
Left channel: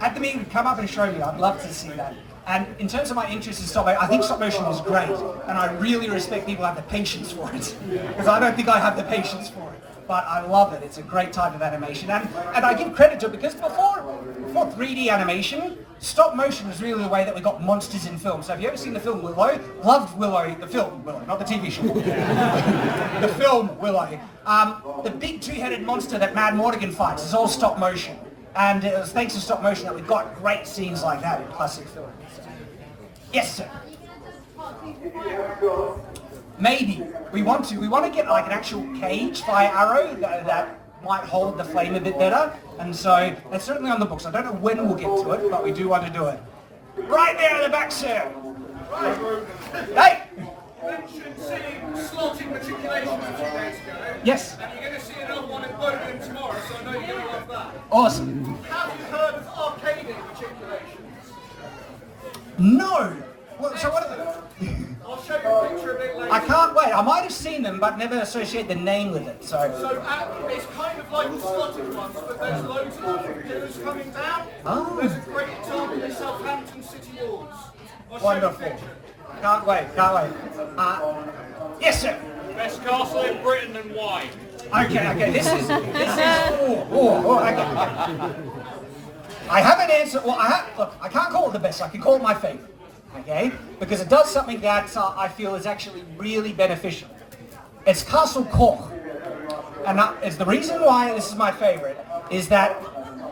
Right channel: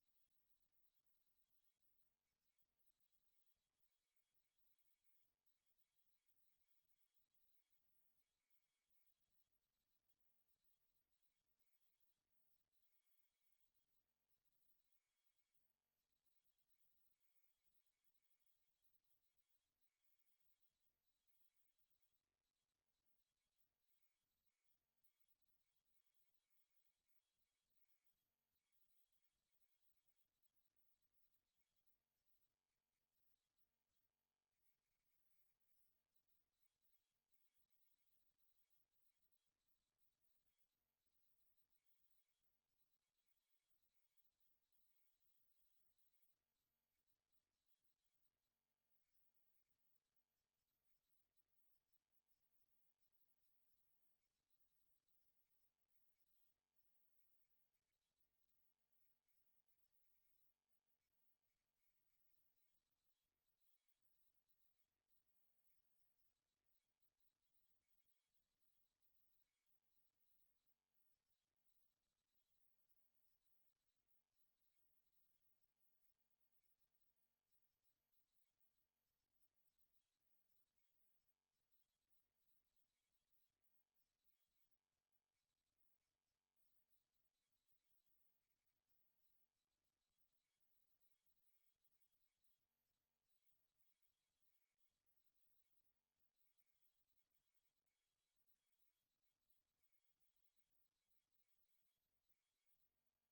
at the meeting, come up and show me. I'd love to see that. And in terms of my interest in stop motion, I think stop motion is great, and I really respect people who have the patience for it, because I don't think I have the patience for it. But I love it. It's a great type of animation, and I give credit to it, because before 3D animation, stop motion was really the way that we got monsters in film. So have you ever seen the film Willow? Loved Willow, the film Willow, not the TV show. The film Willow. The big two-headed monster that Mad Mortigan fights is all stop motion. And it was thanks to stop motion that we've got great scenes like that in classic film. Yes, sir. Maybe. We want to get like an actual cage fire arrow that might hold the flame a bit better. And so that's certainly on the books. I don't know when we'll get to it, but we do want to do it. Right there in the back, sir. Right. Hey! You mentioned seeing slotting matriculations a few days ago. Yes. And you're going to see another one in Birmingham tomorrow, so I know you're going to love that. Awesome. Have you heard of arcading matriculations? No. Well, so what are they? I'll show you a picture of it later. I can't wait. I might have seen them, but never associate the name with it. So. So it's kind of like the slotted ones, but there's loads of different pillars coming down. Oh. There's a great example in the Southampton City Walls. I'll show you a Wonderful. picture. Can't wait. Can't wait. Yes, sir. Best castle in Britain and why? Okay. This is. Okay. I have an answer. Well, look. I can't call it the best. I can call it my favorite. Okay, because it does something that I feel is actually really beneficial. It's Castle Koch, and it's the reason why this is my favorite is that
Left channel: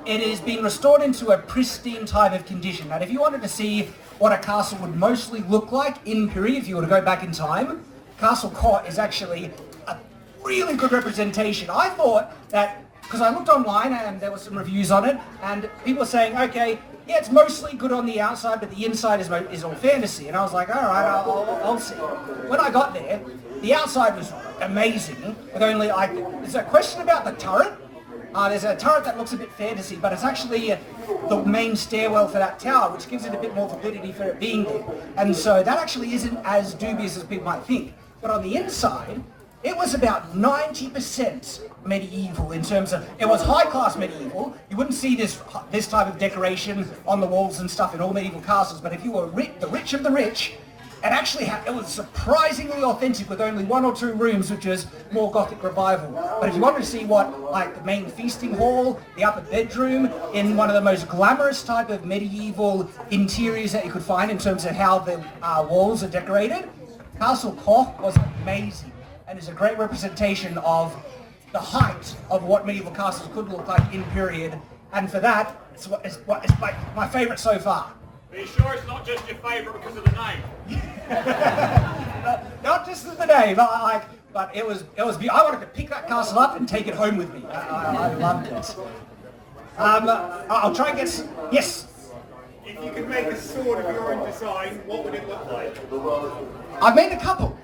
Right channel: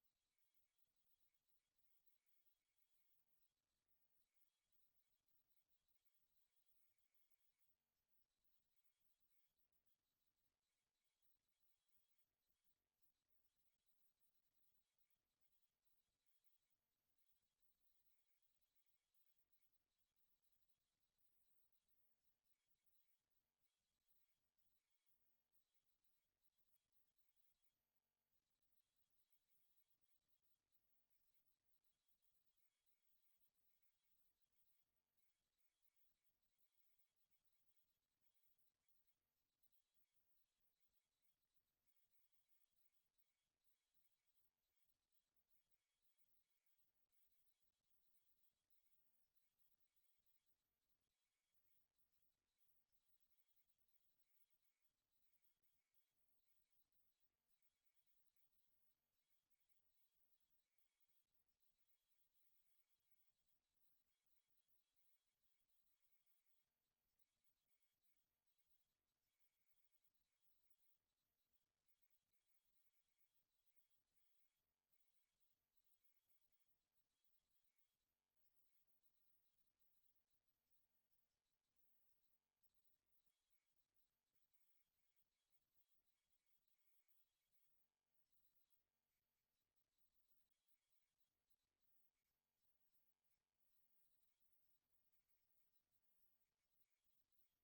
it is being restored into a pristine type of condition. And if you wanted to see what a castle would mostly look like in period, if you were to go back in time, Castle Koch is actually a really good representation. I thought that, because I looked online and there were some reviews on it, and people were saying, okay, yeah, it's mostly good on the outside, but the inside is all fantasy. And I was like, all right, I'll see. When I got there, the outside was amazing, with only there's a question about the turret. There's a turret that looks a bit fantasy, but it's actually the main stairwell for that tower, which gives it a bit more validity for it being there. And so that actually isn't as dubious as people might think. But on the inside, it was about 90% medieval in terms of, it was high-class medieval. You wouldn't see this type of decoration on the walls and stuff in all medieval castles, but if you were the rich of the rich, it was surprisingly authentic with only 1 or 2 rooms, which is more Gothic revival. But if you wanted to see what, like the main feasting hall, the upper bedroom, in one of the most glamorous type of medieval interiors that you could find in terms of how the walls are decorated, Castle Koch was amazing and is a great representation of the height of what medieval castles could look like in period. And for that, it's my favourite so far. Are you sure it's not just your favourite because of the name? Not just the name, but it was. I wanted to pick that castle up and take it home with me. I loved it. I'll try and get. Yes. If you could make a sword of your own design, what would it look like? I've made a couple.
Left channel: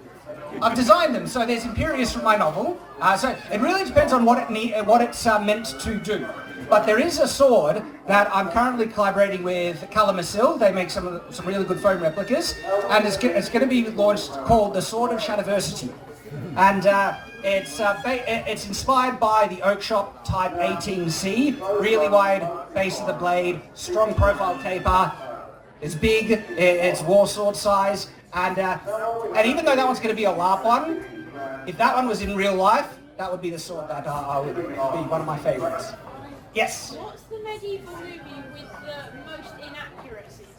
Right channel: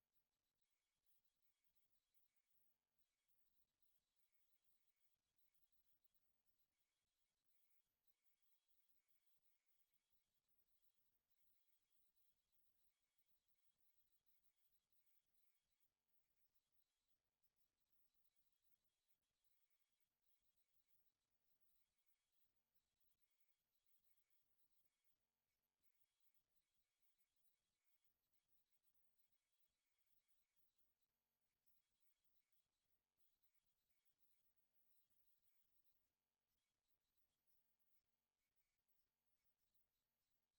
I've designed them. So there's Imperius from my novel. So it really depends on what it's meant to do. But there is a sword that I'm currently collaborating with Calamasil. They make some really good foam replicas, and it's going to be launched called the Sword of Shadiversity, and it's inspired by the Oak Shop Type 18C. Really wide base of the blade, strong profile taper. It's big. It's war sword size, and even though that one's going to be a LARP one, if that one was in real life, that would be the sword that would be one of my favorites. Yes. What's the medieval movie with the most inaccuracies?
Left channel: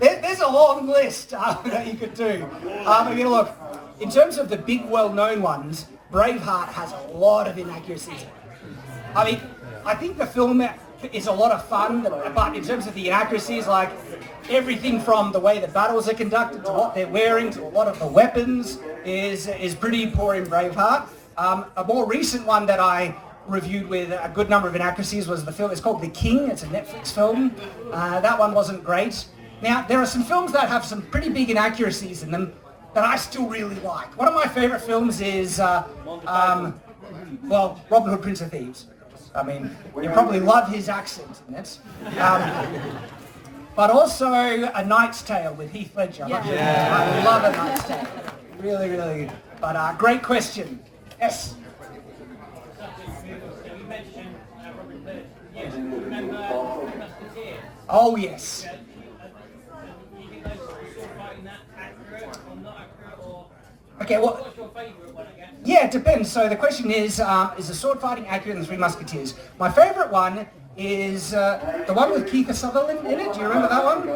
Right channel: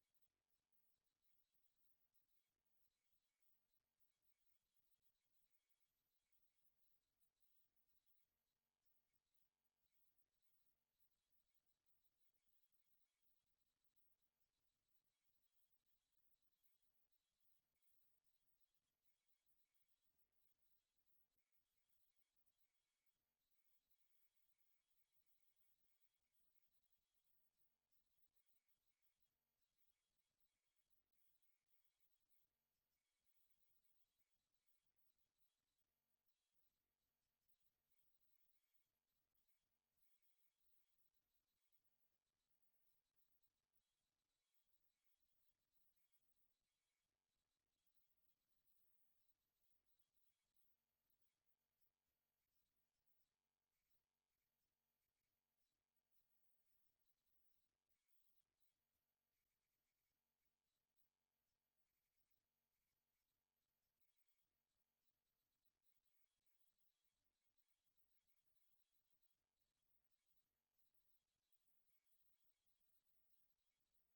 There's a long list that you could do. Look, in terms of the big well-known ones, Braveheart has a lot of inaccuracies. I think the film is a lot of fun, but in terms of the inaccuracies, like everything from the way the battles are conducted to what they're wearing to a lot of the weapons is pretty poor in Braveheart. A more recent one that I reviewed with a good number of inaccuracies was the film. It's called The King. It's a Netflix film. That one wasn't great. Now, there are some films that have some pretty big inaccuracies in them that I still really like. One of my favorite films is, Robin Hood, Prince of Thieves. You probably love his accent in it. But also A Knight's Tale with Heath Ledger. I love A Knight's Tale. Really, really good. But great question. Yes? Oh, yes. Okay, well, yeah, it depends. So the question is the sword fighting accurate in The Three Musketeers? My favourite one is the one with Kiefer Sutherland in it. Do you remember that one?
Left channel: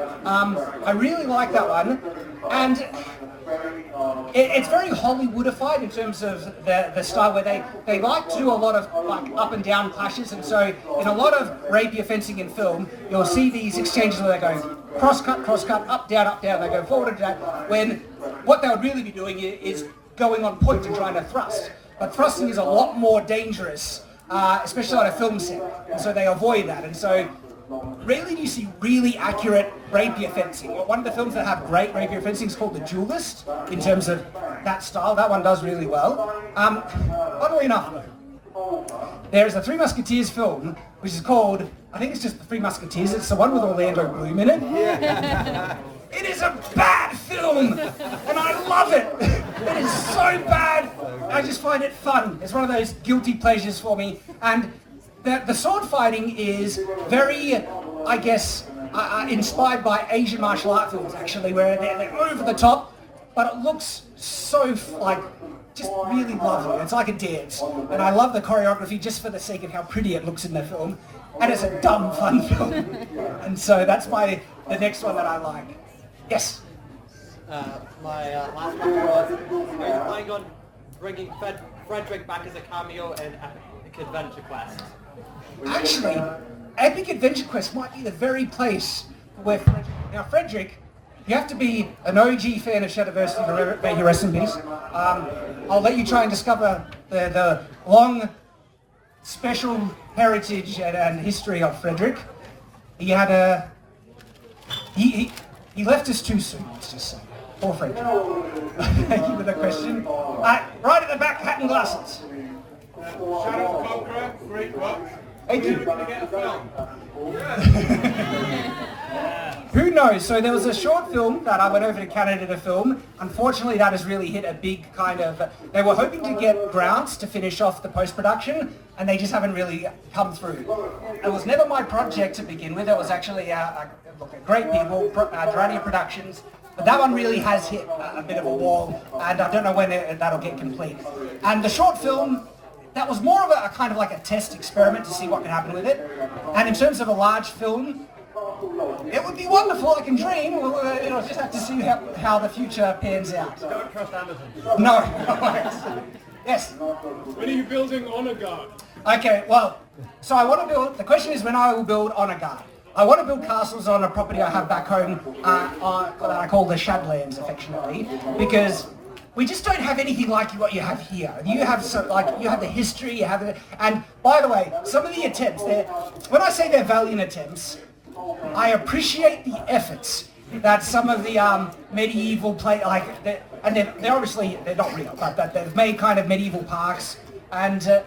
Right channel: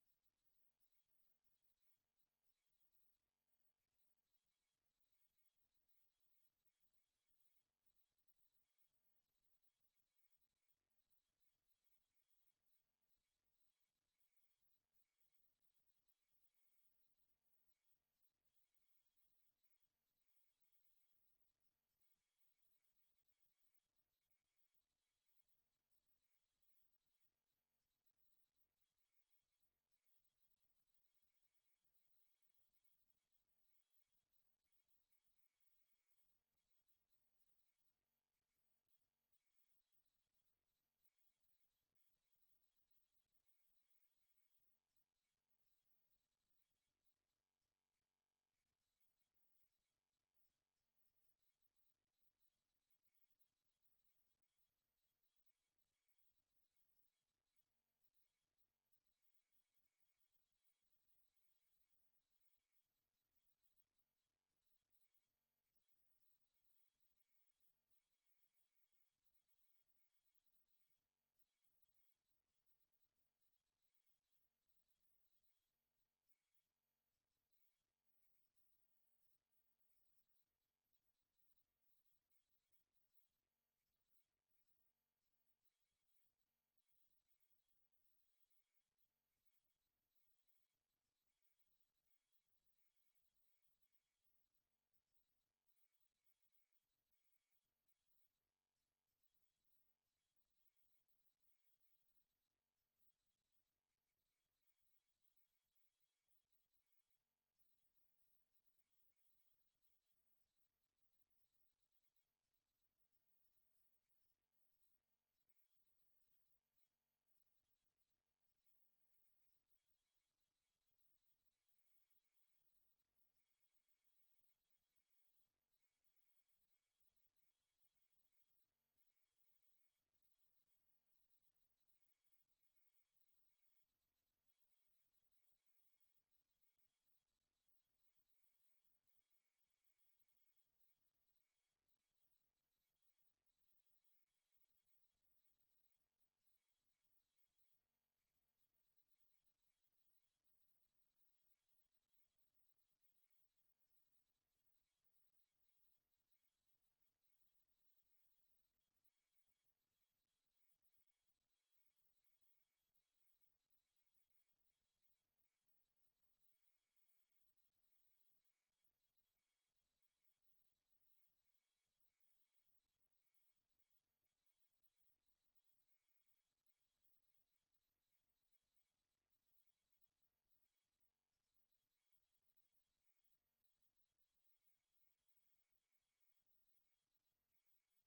I really like that one. And it's very Hollywoodified in terms of the style where they like to do a lot of up and down clashes, and so in a lot of rapier fencing in film, you'll see these exchanges where they go cross cut, up, down, they go forward and down, when what they would really be doing is going on point and trying to thrust. But thrusting is a lot more dangerous, especially on a film set, and so they avoid that. And so rarely do you see really accurate rapier fencing. One of the films that have great rapier fencing is called The Duelist, in terms of that style. That one does really well. Oddly enough, though, there's a Three Musketeers film, which is called, I think it's just The Three Musketeers. It's the one with Orlando Bloom in it. It is a bad film, and I love it. It is so bad. I just find it fun. It's one of those guilty pleasures for me. And the sword fighting is very, I guess, inspired by Asian martial art films, actually, where they're over the top, but it looks so, like, just really lovely. It's like a dance. And I love the choreography just for the sake of how pretty it looks in the film. And it's a dumb, fun film. And so that's the next one that I like. Yes? My last question was, are you planning on bringing Frederick back as a cameo in Epic Adventure Quest? Actually, Epic Adventure Quest might be the very place where Frederick... Now, Frederick, you have to be an OG fan of Shadiversity to make your rest in peace. I'll let you try and discover the long, special heritage and history of Frederick. He had a... He left us too soon, let's just say. Poor Frederick. Thank you for the question. Right at the back, hat and glasses. Shadow the Conqueror, great book. Thank you. We're going to get a film. Who knows? So there was a short film that I went over to Canada to film. Unfortunately, that has really hit a big kind of... They were hoping to get grants to finish off the post-production, and they just haven't really come through. It was never my project to begin with. It was actually great people, Durrani Productions. But that one really has hit a bit of a wall, and I don't know when that'll get complete. And the short film, that was more of a kind of like a test experiment to see what could happen with it. And in terms of a large film, it would be wonderful. I can dream. We'll just have to see how the future pans out. Don't trust Amazon. No. Yes. When are you building Honor Guard? Okay, well, so I want to build, the question is when I will build Honor Guard. I want to build castles on a property I have back home that I call the Shadlands, affectionately, because we just don't have anything like what you have here. You have you have the history, you have and by the way, some of the attempts, when I say they're valiant attempts, I appreciate the efforts that some of the medieval and they're obviously, they're not real, but they've made kind of medieval parks, and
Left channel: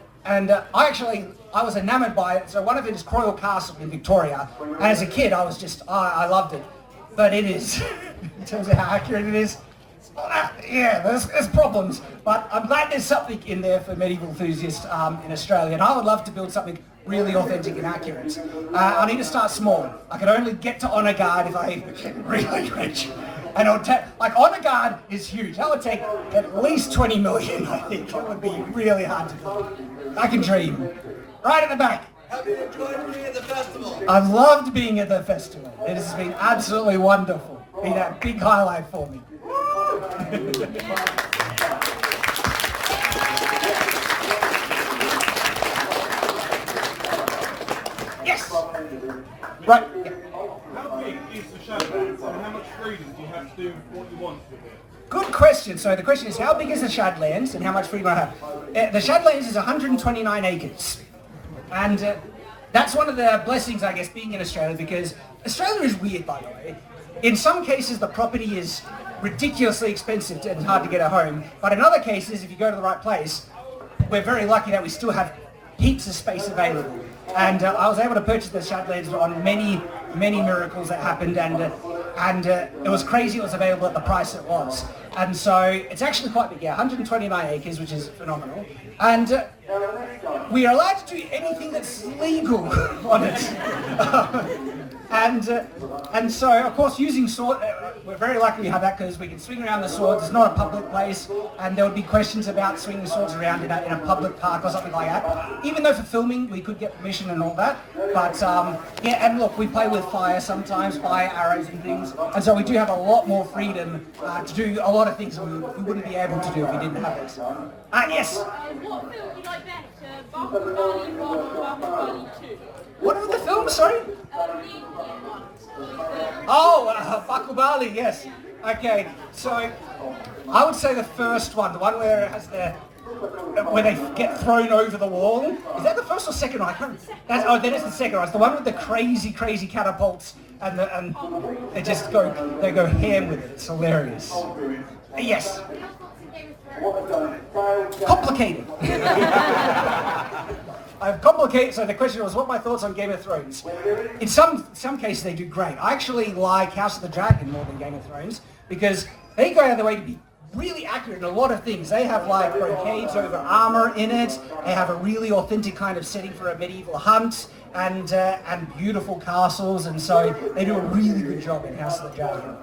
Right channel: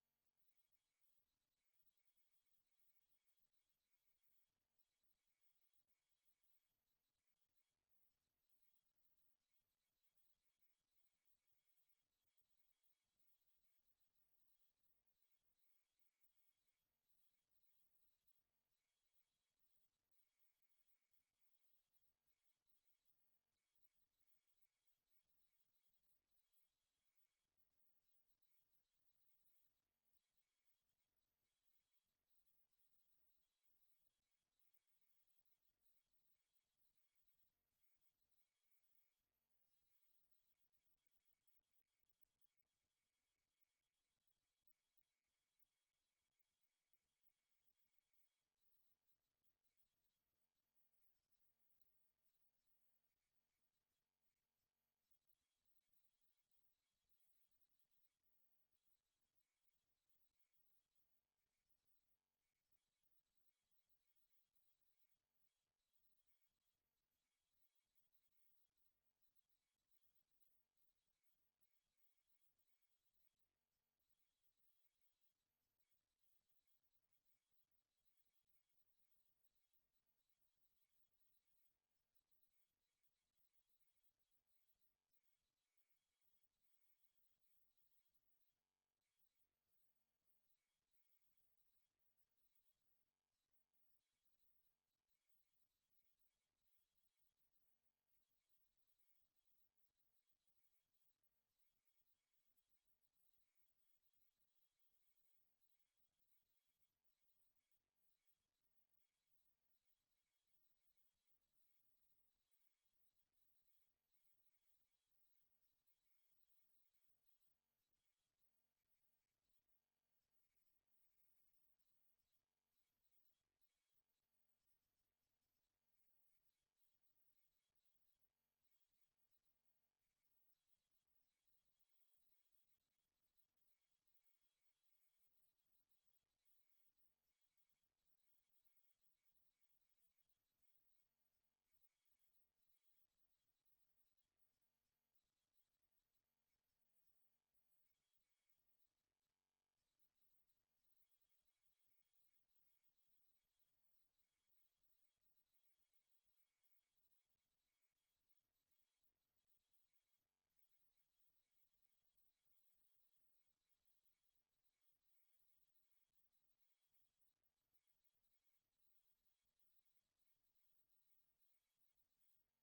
I was enamored by it. So one of it is Croyle Castle in Victoria, and as a kid I was just, I loved it. But it is, in terms of how accurate it is, there's problems. But I'm glad there's something in there for medieval enthusiasts in Australia, and I would love to build something really authentic and accurate. I need to start small. I can only get to Honor Guard if I get really rich. And it would Honor Guard is huge. That would take at least 20 million, I think. It would be really hard to do. I can dream. Right at the back. Have you enjoyed being at the festival? I've loved being at the festival. It has been absolutely wonderful. Been a big highlight for me. Yes. Right. Yeah. How big is the Shadowlands and how much freedom do you have to do what you want with it? Good question. So the question is, how big is the Shadlands and how much freedom I have? The Shadlands is 129 acres. And that's one of the blessings, I guess, being in Australia, because Australia is weird, by the way. In some cases, the property is ridiculously expensive and hard to get a home. But in other cases, if you go to the right place, we're very lucky that we still have heaps of space available. And I was able to purchase the Shadlands on many, many miracles that happened, and it was crazy it was available at the price it was. And so it's actually quite big, 129 acres, which is phenomenal. And we are allowed to do anything that's legal on it. And so, of course, using sword, we're very lucky we have that because we can swing around the swords. It's not a public place, and there would be questions about swinging swords around in a public park or something like that. Even though for filming we could get permission and all that. But and look, we play with fire sometimes, fire arrows and things, and so we do have a lot more freedom to do a lot of things we wouldn't be able to do if we didn't have it. Yes. What film do you like better? Baku Bali 1 or Baku Bali 2? What are the films, sorry? The Indian ones. Oh, Baku Bali, yes. Okay, so I would say the first one, the one where it has where they get thrown over the wall. Is that the first or second one? I can't. That is the second one. It's the one with the crazy catapults and they just go ham with it. It's hilarious. Yes. Complicated. I've complicated. So the question was, what are my thoughts on Game of Thrones? In some cases, they do great. I actually like House of the Dragon more than Game of Thrones because they go out of their way to be really accurate in a lot of things. They have like brocades over armor in it. They have a really authentic kind of setting for a medieval hunt and beautiful castles, and so they do a really good job in House of the Dragon.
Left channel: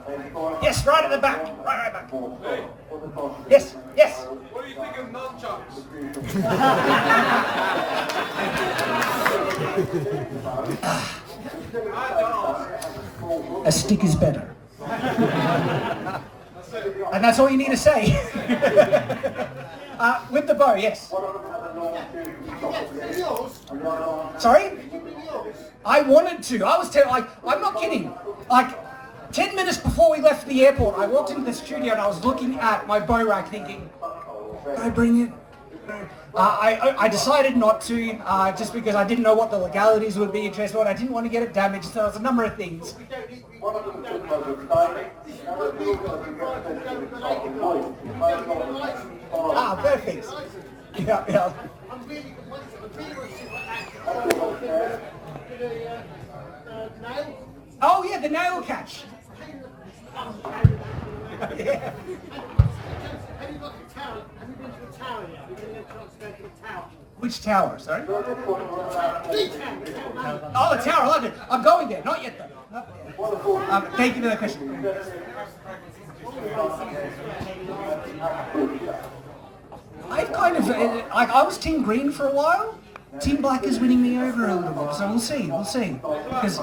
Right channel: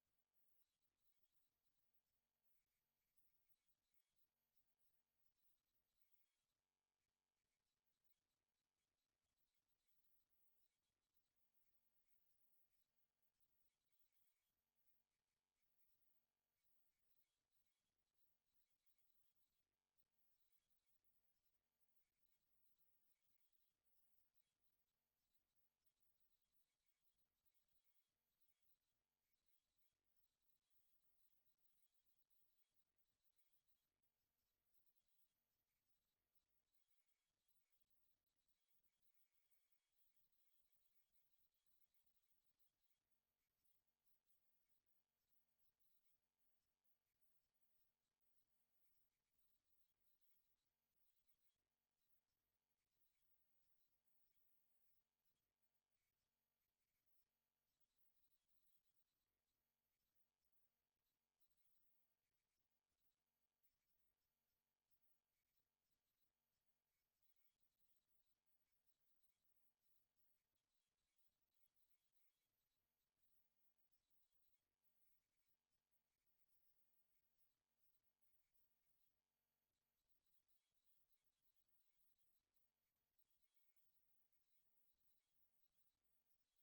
Yes, right at the back. Right back. Yes. What do you think of nunchucks? A stick is better. And that's all you need to say. With the bow, yes. Sorry? I wanted to. I was I'm not kidding. Like 10 minutes before we left the airport, I walked into the studio and I was looking at my bow rack thinking, can I bring it? I decided not to, just because I didn't know what the legalities would be in transport. I didn't want to get it damaged, so there was a number of things. Perfect. Yeah. Oh yeah, the nail catch. Yeah. Which tower, sorry? Oh, the tower, I love it. I'm going there, not yet though. Thank you for the question. I've kind of, I was Team Green for a while. Team Black is winning me over a little bit, so we'll see. Because,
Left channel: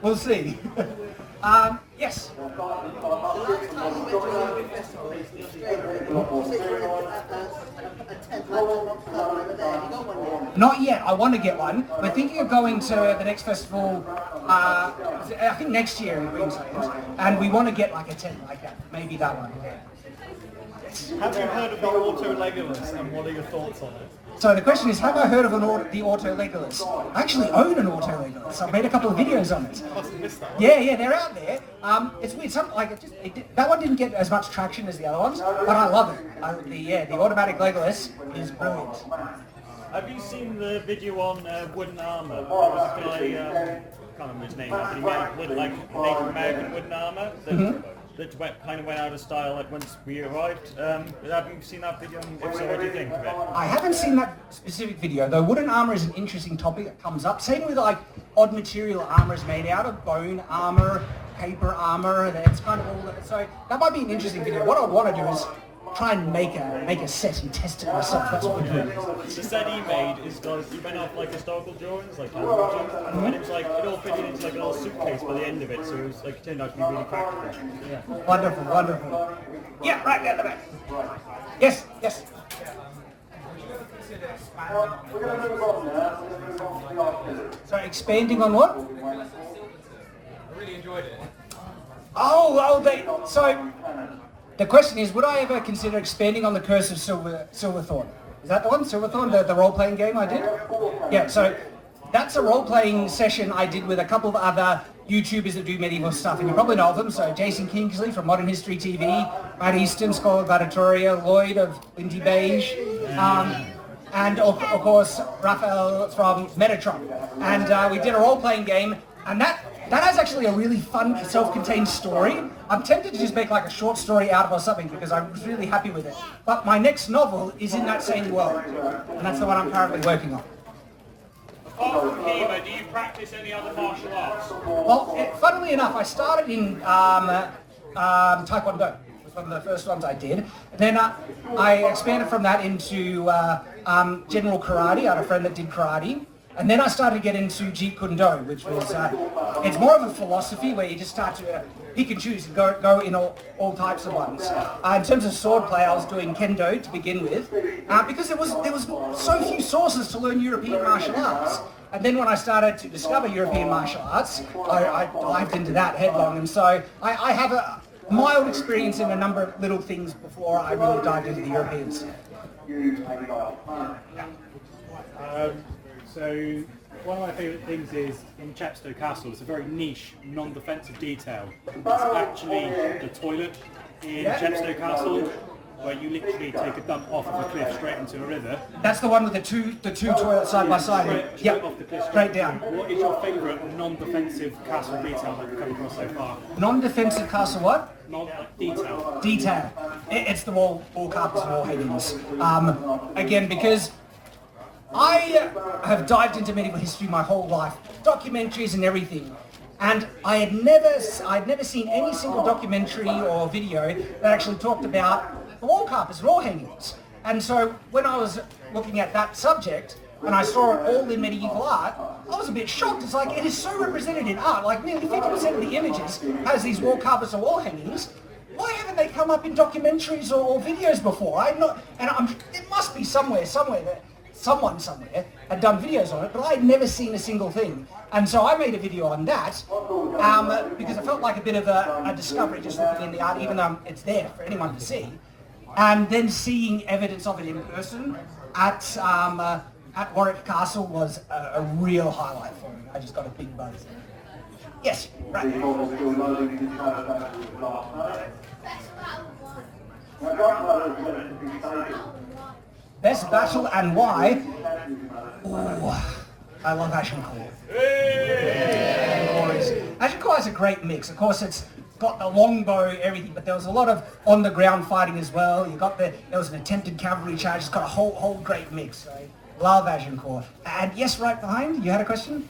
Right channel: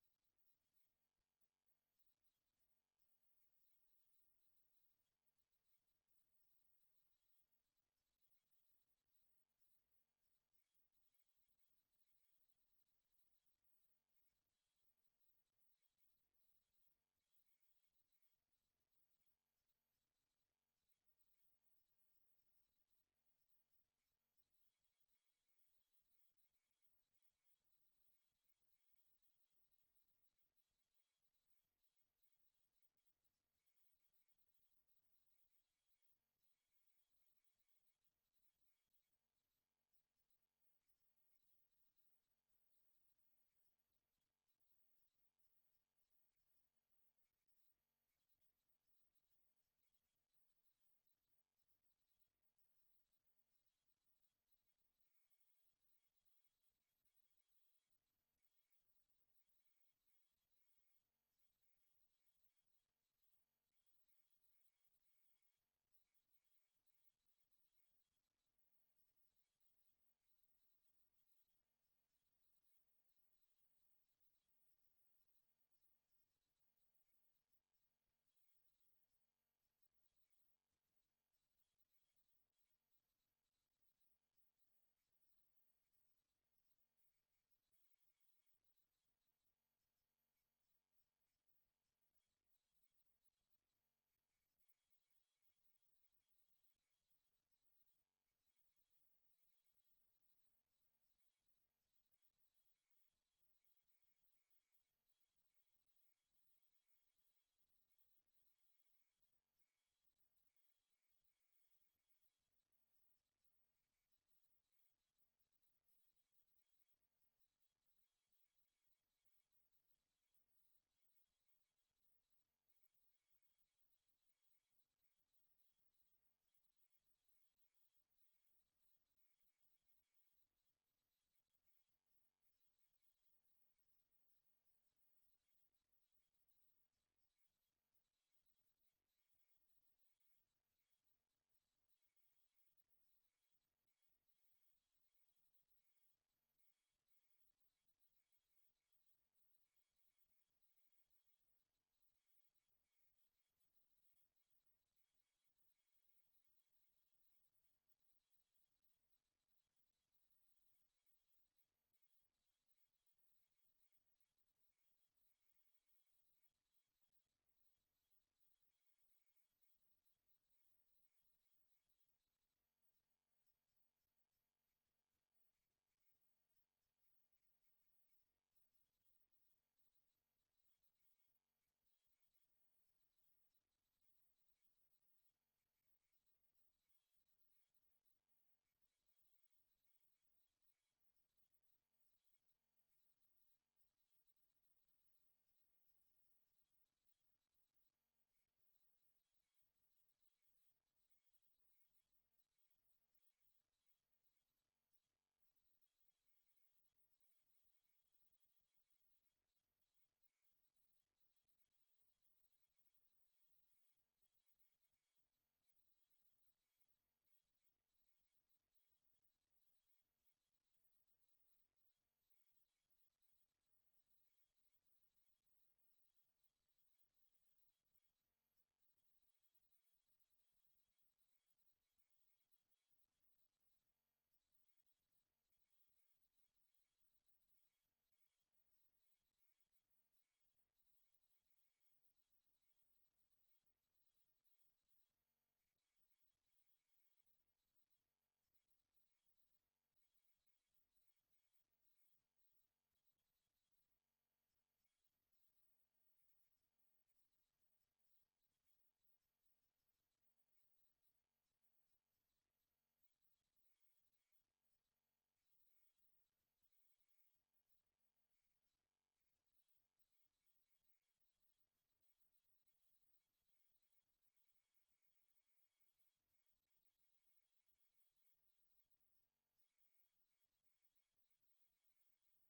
we'll see. Yes. Not yet. I want to get one. We're thinking of going to the next festival, I think next year in Queensland, and we want to get like a tent like that. Maybe that one. Have you heard of the Auto Legolas, and what are your thoughts on it? So the question is, have I heard of the Auto Legolas? I actually own an Auto Legolas. I've made a couple of videos on it. Yeah, they're out there. It's weird. That one didn't get as much traction as the other ones, but I love it. The automatic Legolas is brilliant. Have you seen the video on wooden armor? There was a guy, I can't remember his name, but he made like Native American wooden armor that kind of went out of style like once we arrived. Have you seen that video? If so, what do you think of it? I haven't seen that specific video, though wooden armor is an interesting topic that comes up. Same with like odd material armor is made out of, bone armor, paper armor, that's kind of all that. So that might be an interesting video. What I want to do is try and make a set and test it myself. That's what we're doing. The set he made is he went off like historical drawings, like and it was like it all fitted into like a little suitcase by the end of it, so it was like it turned out to be really practical. Yeah. Wonderful. Yeah, right at the back. Yes. So expanding on what? I really enjoyed it. So the question is, would I ever consider expanding on the Curse of Silverthorn? Is that the one, Silverthorn, the role-playing game I did? Yeah, so that's a role-playing session I did with a couple of other YouTubers that do medieval stuff, and you probably know of them. So Jason Kingsley from Modern History TV, Matt Easton, Scholar Gladiatoria, Lloyd of Lindy Beige, and of course Raphael from Metatron. And we did a role-playing game, and that has actually a really fun, self-contained story. I'm tempted to just make like a short story out of or something because I was really happy with it. But my next novel is in that same world, and that's the one I'm currently working on. Apart from HEMA, do you practice any other martial arts? Well, funnily enough, I started in Taekwondo. It was one of the first ones I did. And then I expanded from that into general karate. I had a friend that did karate. And then I started to get into Jeet Kune Do, which was, it's more of a philosophy where you just start to pick and choose and go in all types of ones. In terms of swordplay, I was doing Kendo to begin with, because there was so few sources to learn European martial arts. And then when I started to discover European martial arts, I dived into that headlong. And so I have mild experience in a number of little things before I really dived into the European stuff. So one of my favourite things is in Chepstow Castle, it's a very niche, non-defensive detail. It's actually the toilet in Chepstow Castle, where you literally take a dump off of a cliff straight into a river. That's the one with the two toilets side by side. Straight off the cliff, straight down. What is your favourite non-defensive castle detail that you've come across so far? Non-defensive castle what? Detail. Detail. It's the wall carpets and wall hangings. Again, because I have dived into medieval history my whole life, documentaries and everything, and I'd never seen any single documentary or video that actually talked about the wall carpets and wall hangings. And so when I was looking at that subject and I saw it all in medieval art, I was a bit shocked. It's like, it is so represented in art. Like nearly 50% of the images has these wall carpets or wall hangings. Why haven't they come up in documentaries or videos before? It must be somewhere that someone somewhere had done videos on it, but I'd never seen a single thing. And so I made a video on that because it felt like a bit of a discovery just looking in the art, even though it's there for anyone to see. And then seeing evidence of it in person at Warwick Castle was a real highlight for me. I just got a big buzz. Yes, right. Best battle and why? Ooh, I love Agincourt. Agincourt is a great mix. Of course, it's got the longbow, everything, but there was a lot of on-the-ground fighting as well. There was an attempted cavalry charge. It's got a whole great mix. So love Agincourt. And yes, right behind, you had a question?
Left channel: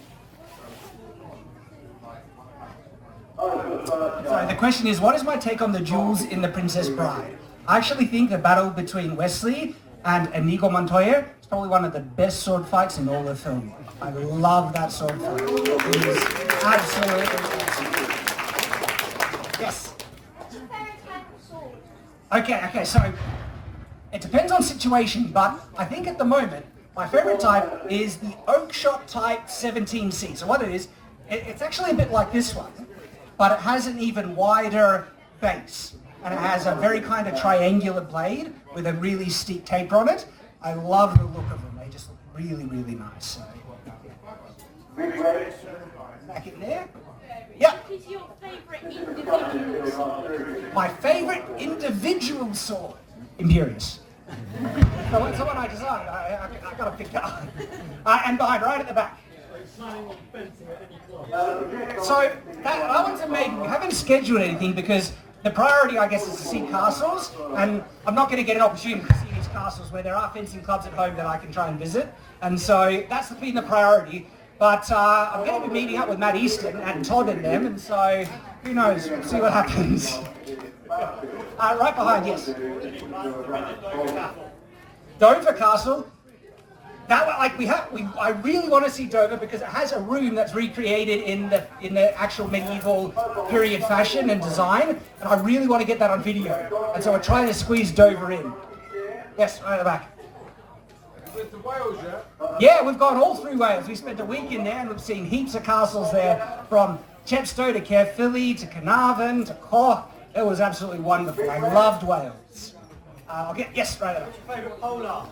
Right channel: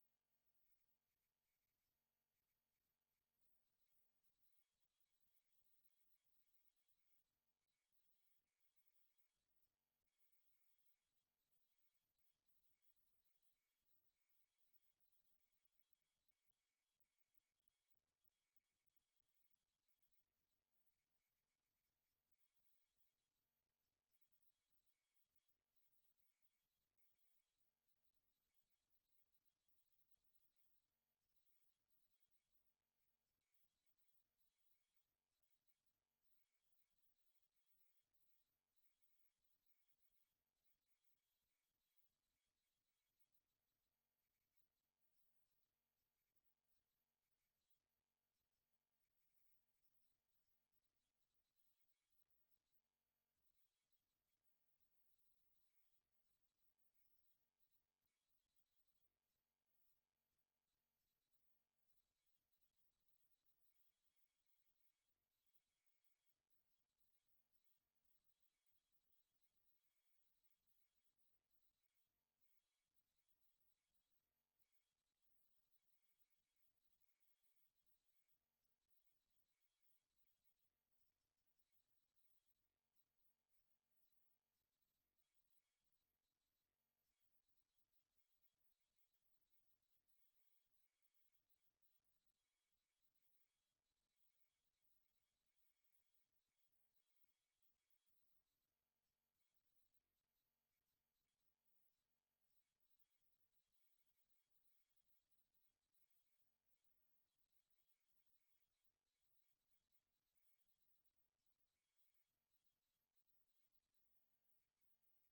So the question is, what is my take on the duels in The Princess Bride? I actually think the battle between Wesley and Inigo Montoya is probably one of the best sword fights in all the film. I love that sword fight. It is absolutely awesome. Yes? Okay, so it depends on situation, but I think at the moment, my favorite type is the oak shot type 17C. So what it is, it's actually a bit like this one, but it has an even wider base. And it has a very kind of triangular blade with a really steep taper on it. I love the look of them. They just look really, really nice. So, back in there. Yeah. What is your favourite individual sword? My favourite individual sword, Imperious. So it's the one I designed. I got to pick that up. And behind, right at the back. So that one's amazing. We haven't scheduled anything because the priority, I guess, is to see castles, and I'm not going to get an opportunity to see these castles where there are fencing clubs at home that I can try and visit, and so that's been the priority. But I'm going to be meeting up with Matt Easton and Todd and them, and so who knows? We'll see what happens. Right behind, yes. Dover Castle. That one, I really want to see Dover because it has a room that's recreated in the actual medieval period fashion and design, and I really want to get that on video. And so we're trying to squeeze Dover in. Yes, right at the back. With the Wales, yeah? Yeah, we've gone all through Wales. We spent a week in there and we've seen heaps of castles there, from Chepstow to Caerphilly to Carnarvon to Cork. It was absolutely wonderful. I loved Wales. Yes, right at the back. Favourite polar?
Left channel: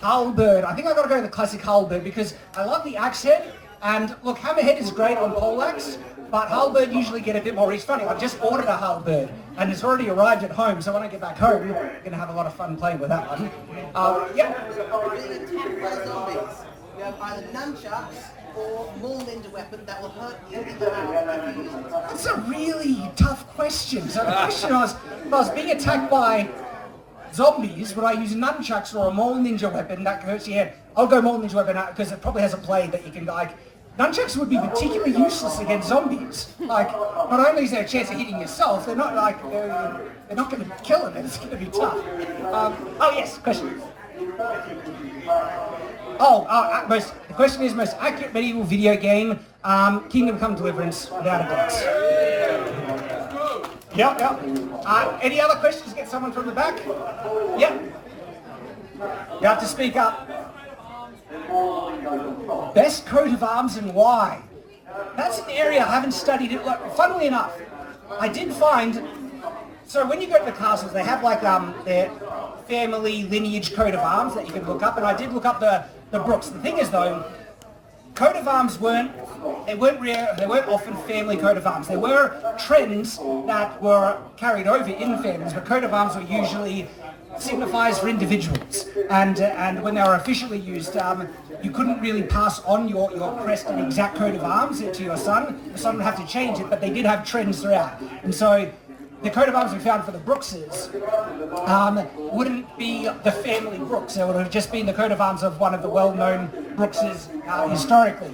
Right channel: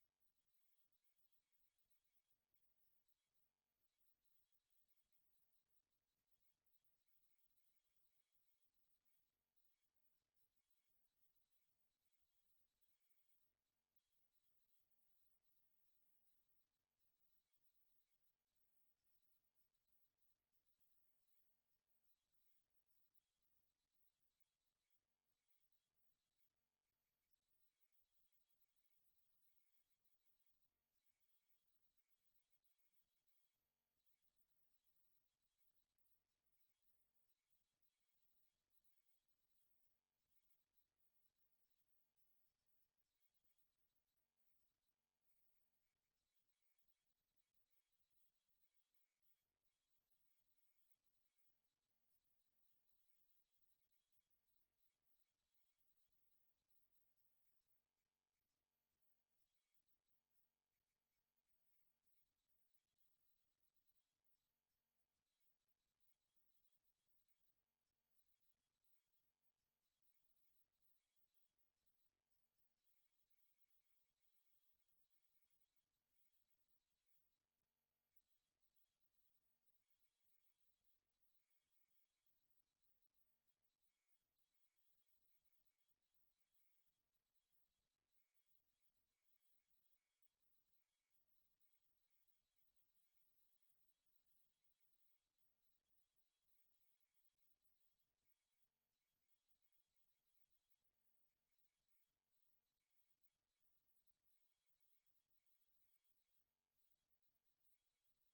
Halberd. I think I've got to go with the classic halberd because I love the axe head. And look, hammerhead is great on poleaxe, but halberd usually get a bit more. It's funny, I've just ordered a halberd and it's already arrived at home, so when I get back home, I'm going to have a lot of fun playing with that one. Yeah. You have either nunchucks or more ninja weapon that will hurt you in the hand if you use it. That's a really tough question. So the question was, if I was being attacked by zombies, would I use nunchucks or a Maul ninja weapon that hurts your head? I'll go Maul ninja weapon because it probably has a blade that you can like. Nunchucks would be particularly useless against zombies. Like, not only is there a chance of hitting yourself, they're not like they're not going to kill them. It's going to be tough. Oh yes, question. The question is most accurate medieval video game. Kingdom Come Deliverance, without a doubt. Yep. Any other questions? Get someone from the back. Yep. You have to speak up. Best coat of arms and why? That's an area I haven't studied it. Look, funnily enough, I did find, so when you go to the castles, they have like their family lineage coat of arms that you can look up, and I did look up the Brooks. The thing is though, coat of arms weren't rare, they weren't often family coat of arms. There were trends that were carried over in families, but coat of arms were usually signifiers for individuals. And when they were officially used, you couldn't really pass on your crest and exact coat of arms to your son. The son would have to change it, but they did have trends throughout. And so the coat of arms we found for the Brookses wouldn't be the family Brooks. It would have just been the coat of arms of one of the well-known Brookses historically.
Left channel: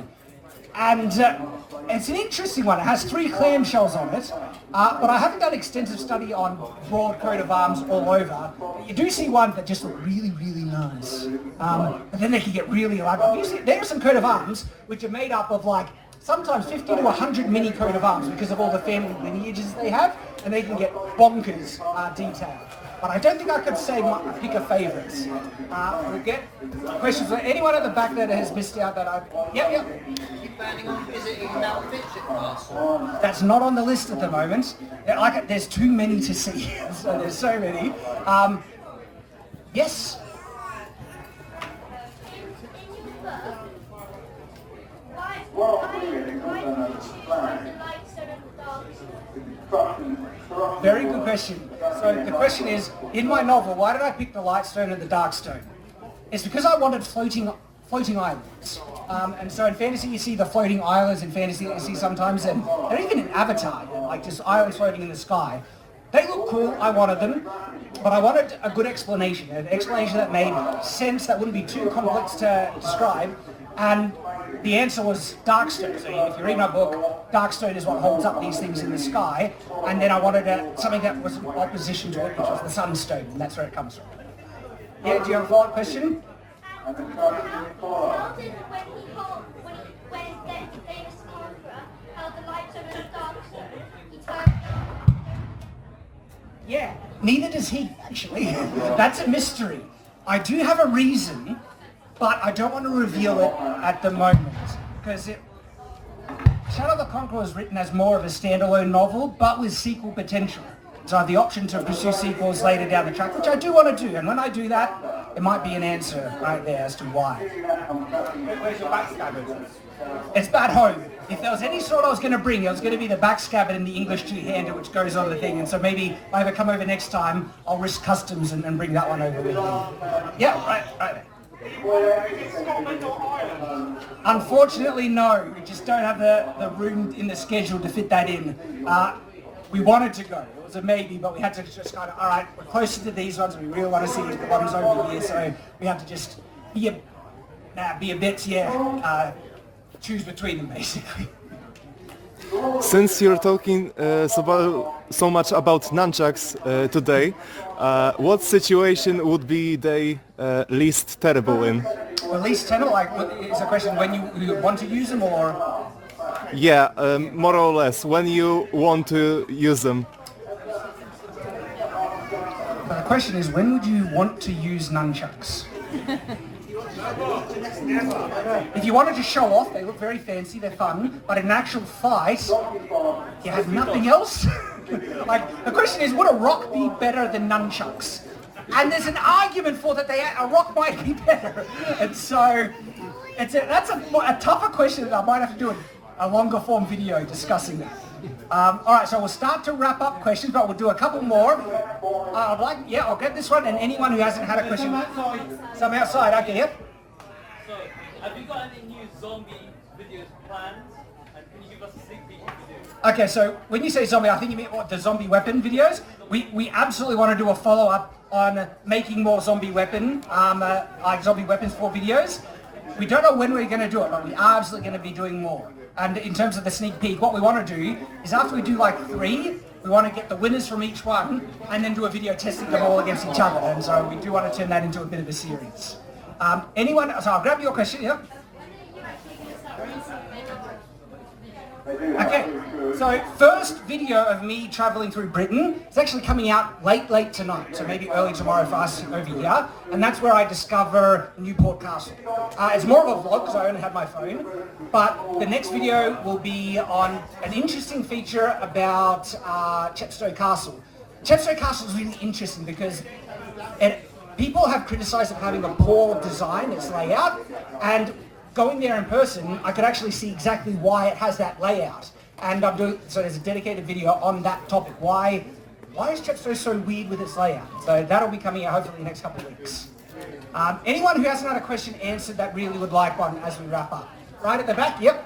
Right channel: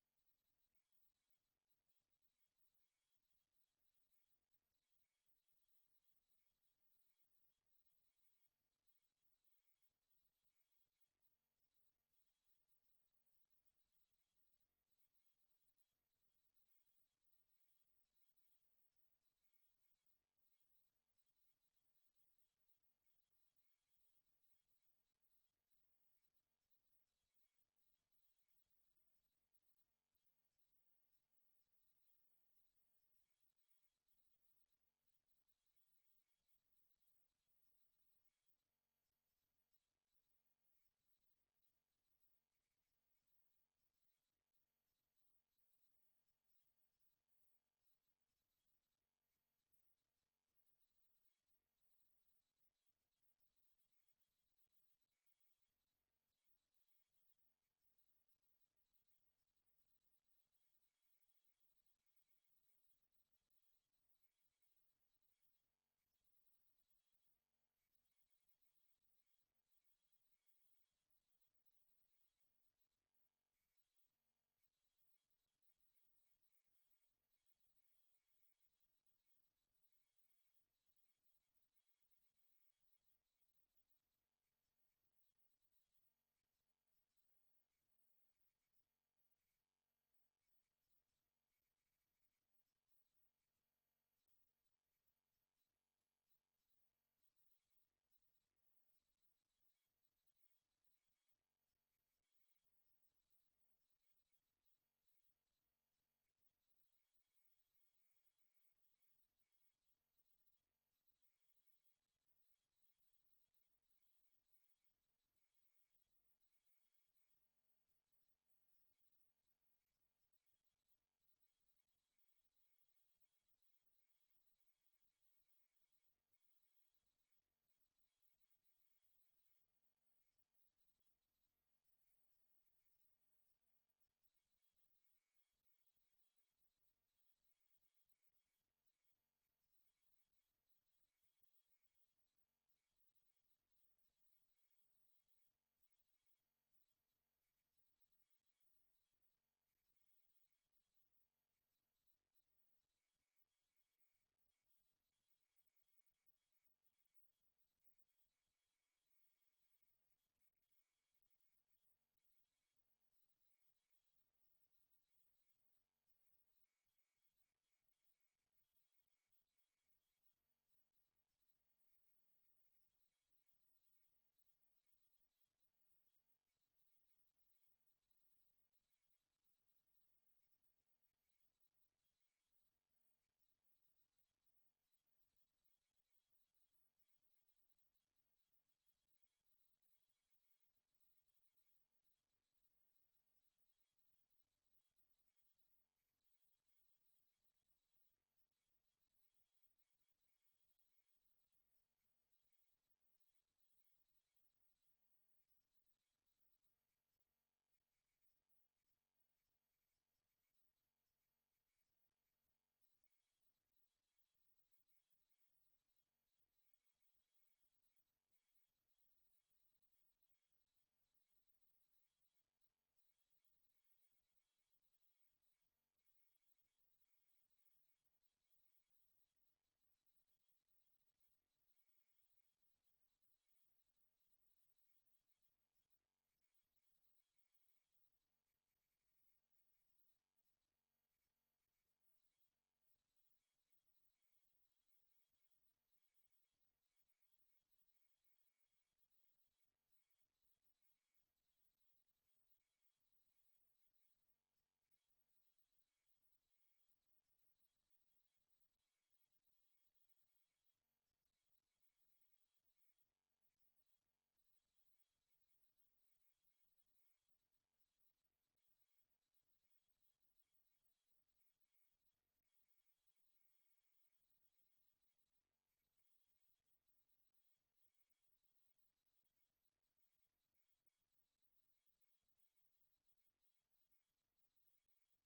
And it's an interesting one. It has 3 clamshells on it, but I haven't done extensive study on broad coat of arms all over. You do see ones that just look really, really nice. But then they can get really elaborate. There are some coat of arms which are made up of like sometimes 50 to 100 mini coat of arms because of all the family lineages they have, and they can get bonkers detail. But I don't think I could say pick a favourite. We'll get questions for anyone at the back that has missed out that I... Yep. You planning on visiting Mount Fitchett Castle? That's not on the list at the moment. There's too many to see. So there's so many. Yes? Very good question. So the question is, in my novel, why did I pick the light stone and the dark stone? It's because I wanted floating islands. And so in fantasy you see the floating islands in fantasy that you see sometimes, and they're even in Avatar, like just islands floating in the sky. They look cool, I wanted them, but I wanted a good explanation, an explanation that made sense, that wouldn't be too complex to describe, and the answer was Darkstone. So if you read my book, Darkstone is what holds up these things in the sky, and then I wanted something that was in opposition to it, which was the Sunstone, and that's where it comes from. Yeah, do you have a follow-up question? How did when the famous conqueror held the light stone and the dark stone, he turned... Yeah, neither does he, actually. That's a mystery. I do have a reason, but I don't want to reveal it at the moment, because Shadow the Conqueror was written as more of a standalone novel, but with sequel potential. So I have the option to pursue sequels later down the track, which I do want to do, and when I do that, it might be an answer right there as to why. Where's your backscabbard? It's at home. If there was any sword I was going to bring, it was going to be the backscabbard and the English two-hander, which goes on the thing, and so maybe if I ever come over next time, I'll risk customs and bring that one over with me. Yeah, right. Unfortunately, no. We just don't have the room in the schedule to fit that in. We wanted to go. It was a maybe, but we had to just kind of, all right, we're closer to these ones. We really want to see the ones over here, so we have to just be a bit, choose between them, basically. Since you're talking so much about nunchucks today, what situation would be they least terrible in? Well, least terrible, like, is the question when you want to use them, or? Yeah, more or less, when you want to use them. But the question is, when would you want to use nunchucks? If you wanted to show off, they look very fancy, they're fun, but in an actual fight, you have nothing else. Like, the question is, would a rock be better than nunchucks? And there's an argument for that a rock might be better. And so, that's a tougher question that I might have to do a longer form video discussing that. Alright, so we'll start to wrap up questions, but we'll do a couple more. I'll get this one, and anyone who hasn't had a question. Some outside, okay, yep. So, have you got any new zombie videos planned? And can you give us a sneak peek if you do? Okay, so when you say zombie, I think you mean the zombie weapon videos. We absolutely want to do a follow-up on making more zombie weapons for videos. We don't know when we're going to do it, but we are absolutely going to be doing more. And in terms of the sneak peek, what we want to do is after we do like 3, we want to get the winners from each one and then do a video testing them all against each other. And so we do want to turn that into a bit of a series. So I'll grab your question, yeah? Okay, So first video of me traveling through Britain is actually coming out late tonight, so maybe early tomorrow for us over here, and that's where I discover Newport Castle. It's more of a vlog because I only have my phone, but the next video will be on an interesting feature about Chepstow Castle. Chepstow Castle is really interesting because people have criticised it having a poor design, its layout, and going there in person, I could actually see exactly why it has that layout. And so there's a dedicated video on that topic. Why is Chepstow so weird with its layout? So that'll be coming out hopefully in the next couple of weeks. Anyone who hasn't had a question answered that really would like one as we wrap up? Right at the back, yep.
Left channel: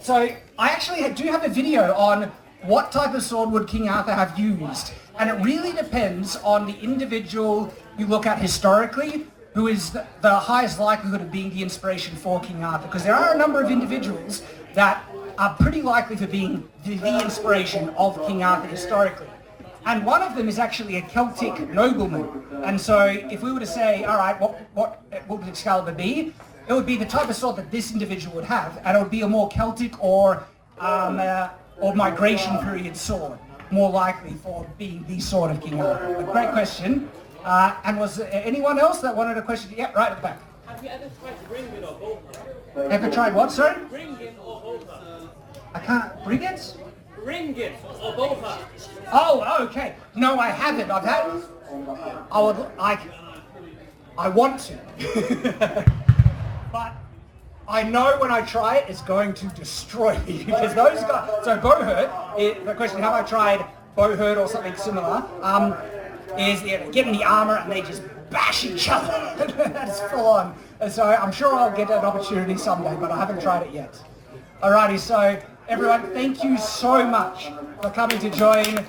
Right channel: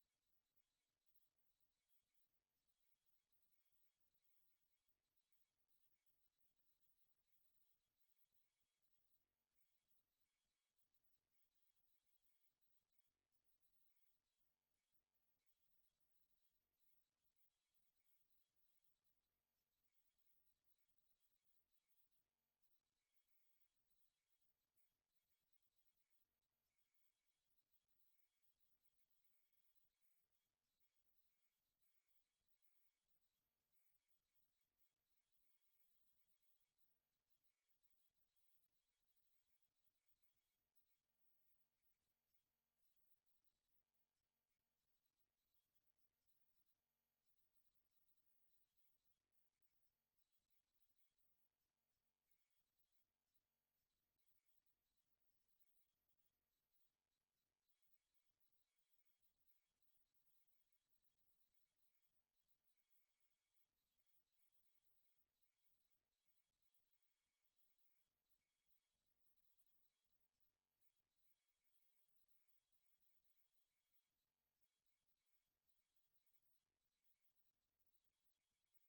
So I actually do have a video on what type of sword would King Arthur have used. And it really depends on the individual you look at historically, who is the highest likelihood of being the inspiration for King Arthur. Because there are a number of individuals that are pretty likely for being the inspiration of King Arthur historically. And one of them is actually a Celtic nobleman. And so if we were to say, all right, what would Excalibur be? It would be the type of sword that this individual would have, and it would be a more Celtic or migration period sword, more likely for being the sword of King Arthur. A great question. And was there anyone else that wanted a question? Yeah, right at the back. Have you ever tried Ringen or Bolter? Ever tried what, sorry? Ringen or Bolter? I can't... Brigands? Ringen or Bolter? Oh, okay. No, I haven't. I've had... I want to. But I know when I try it, it's going to destroy me. Because those guys... So Bowhurt, the question, have I tried Bowhurt or something similar? Is get in the armour and they just bash each other. That's full on. And so I'm sure I'll get an opportunity someday, but I haven't tried it yet. Alrighty, so everyone, thank you so much for coming to join.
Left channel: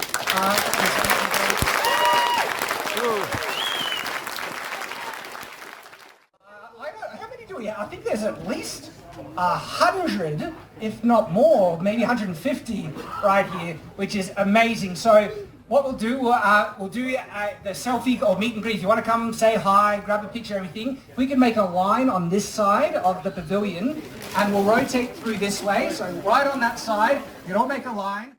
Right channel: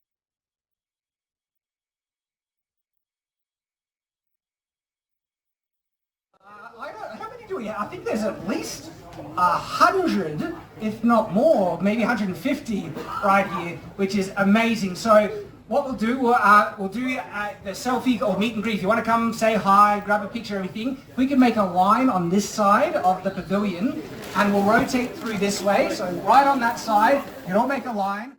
How many do we have? I think there's at least 100, if not more, maybe 150 right here, which is amazing. So what we'll do, we'll do the selfie or meet and greet. If you want to come say hi, grab a picture, everything, we can make a line on this side of the pavilion and we'll rotate through this way. So right on that side, you don't make a line.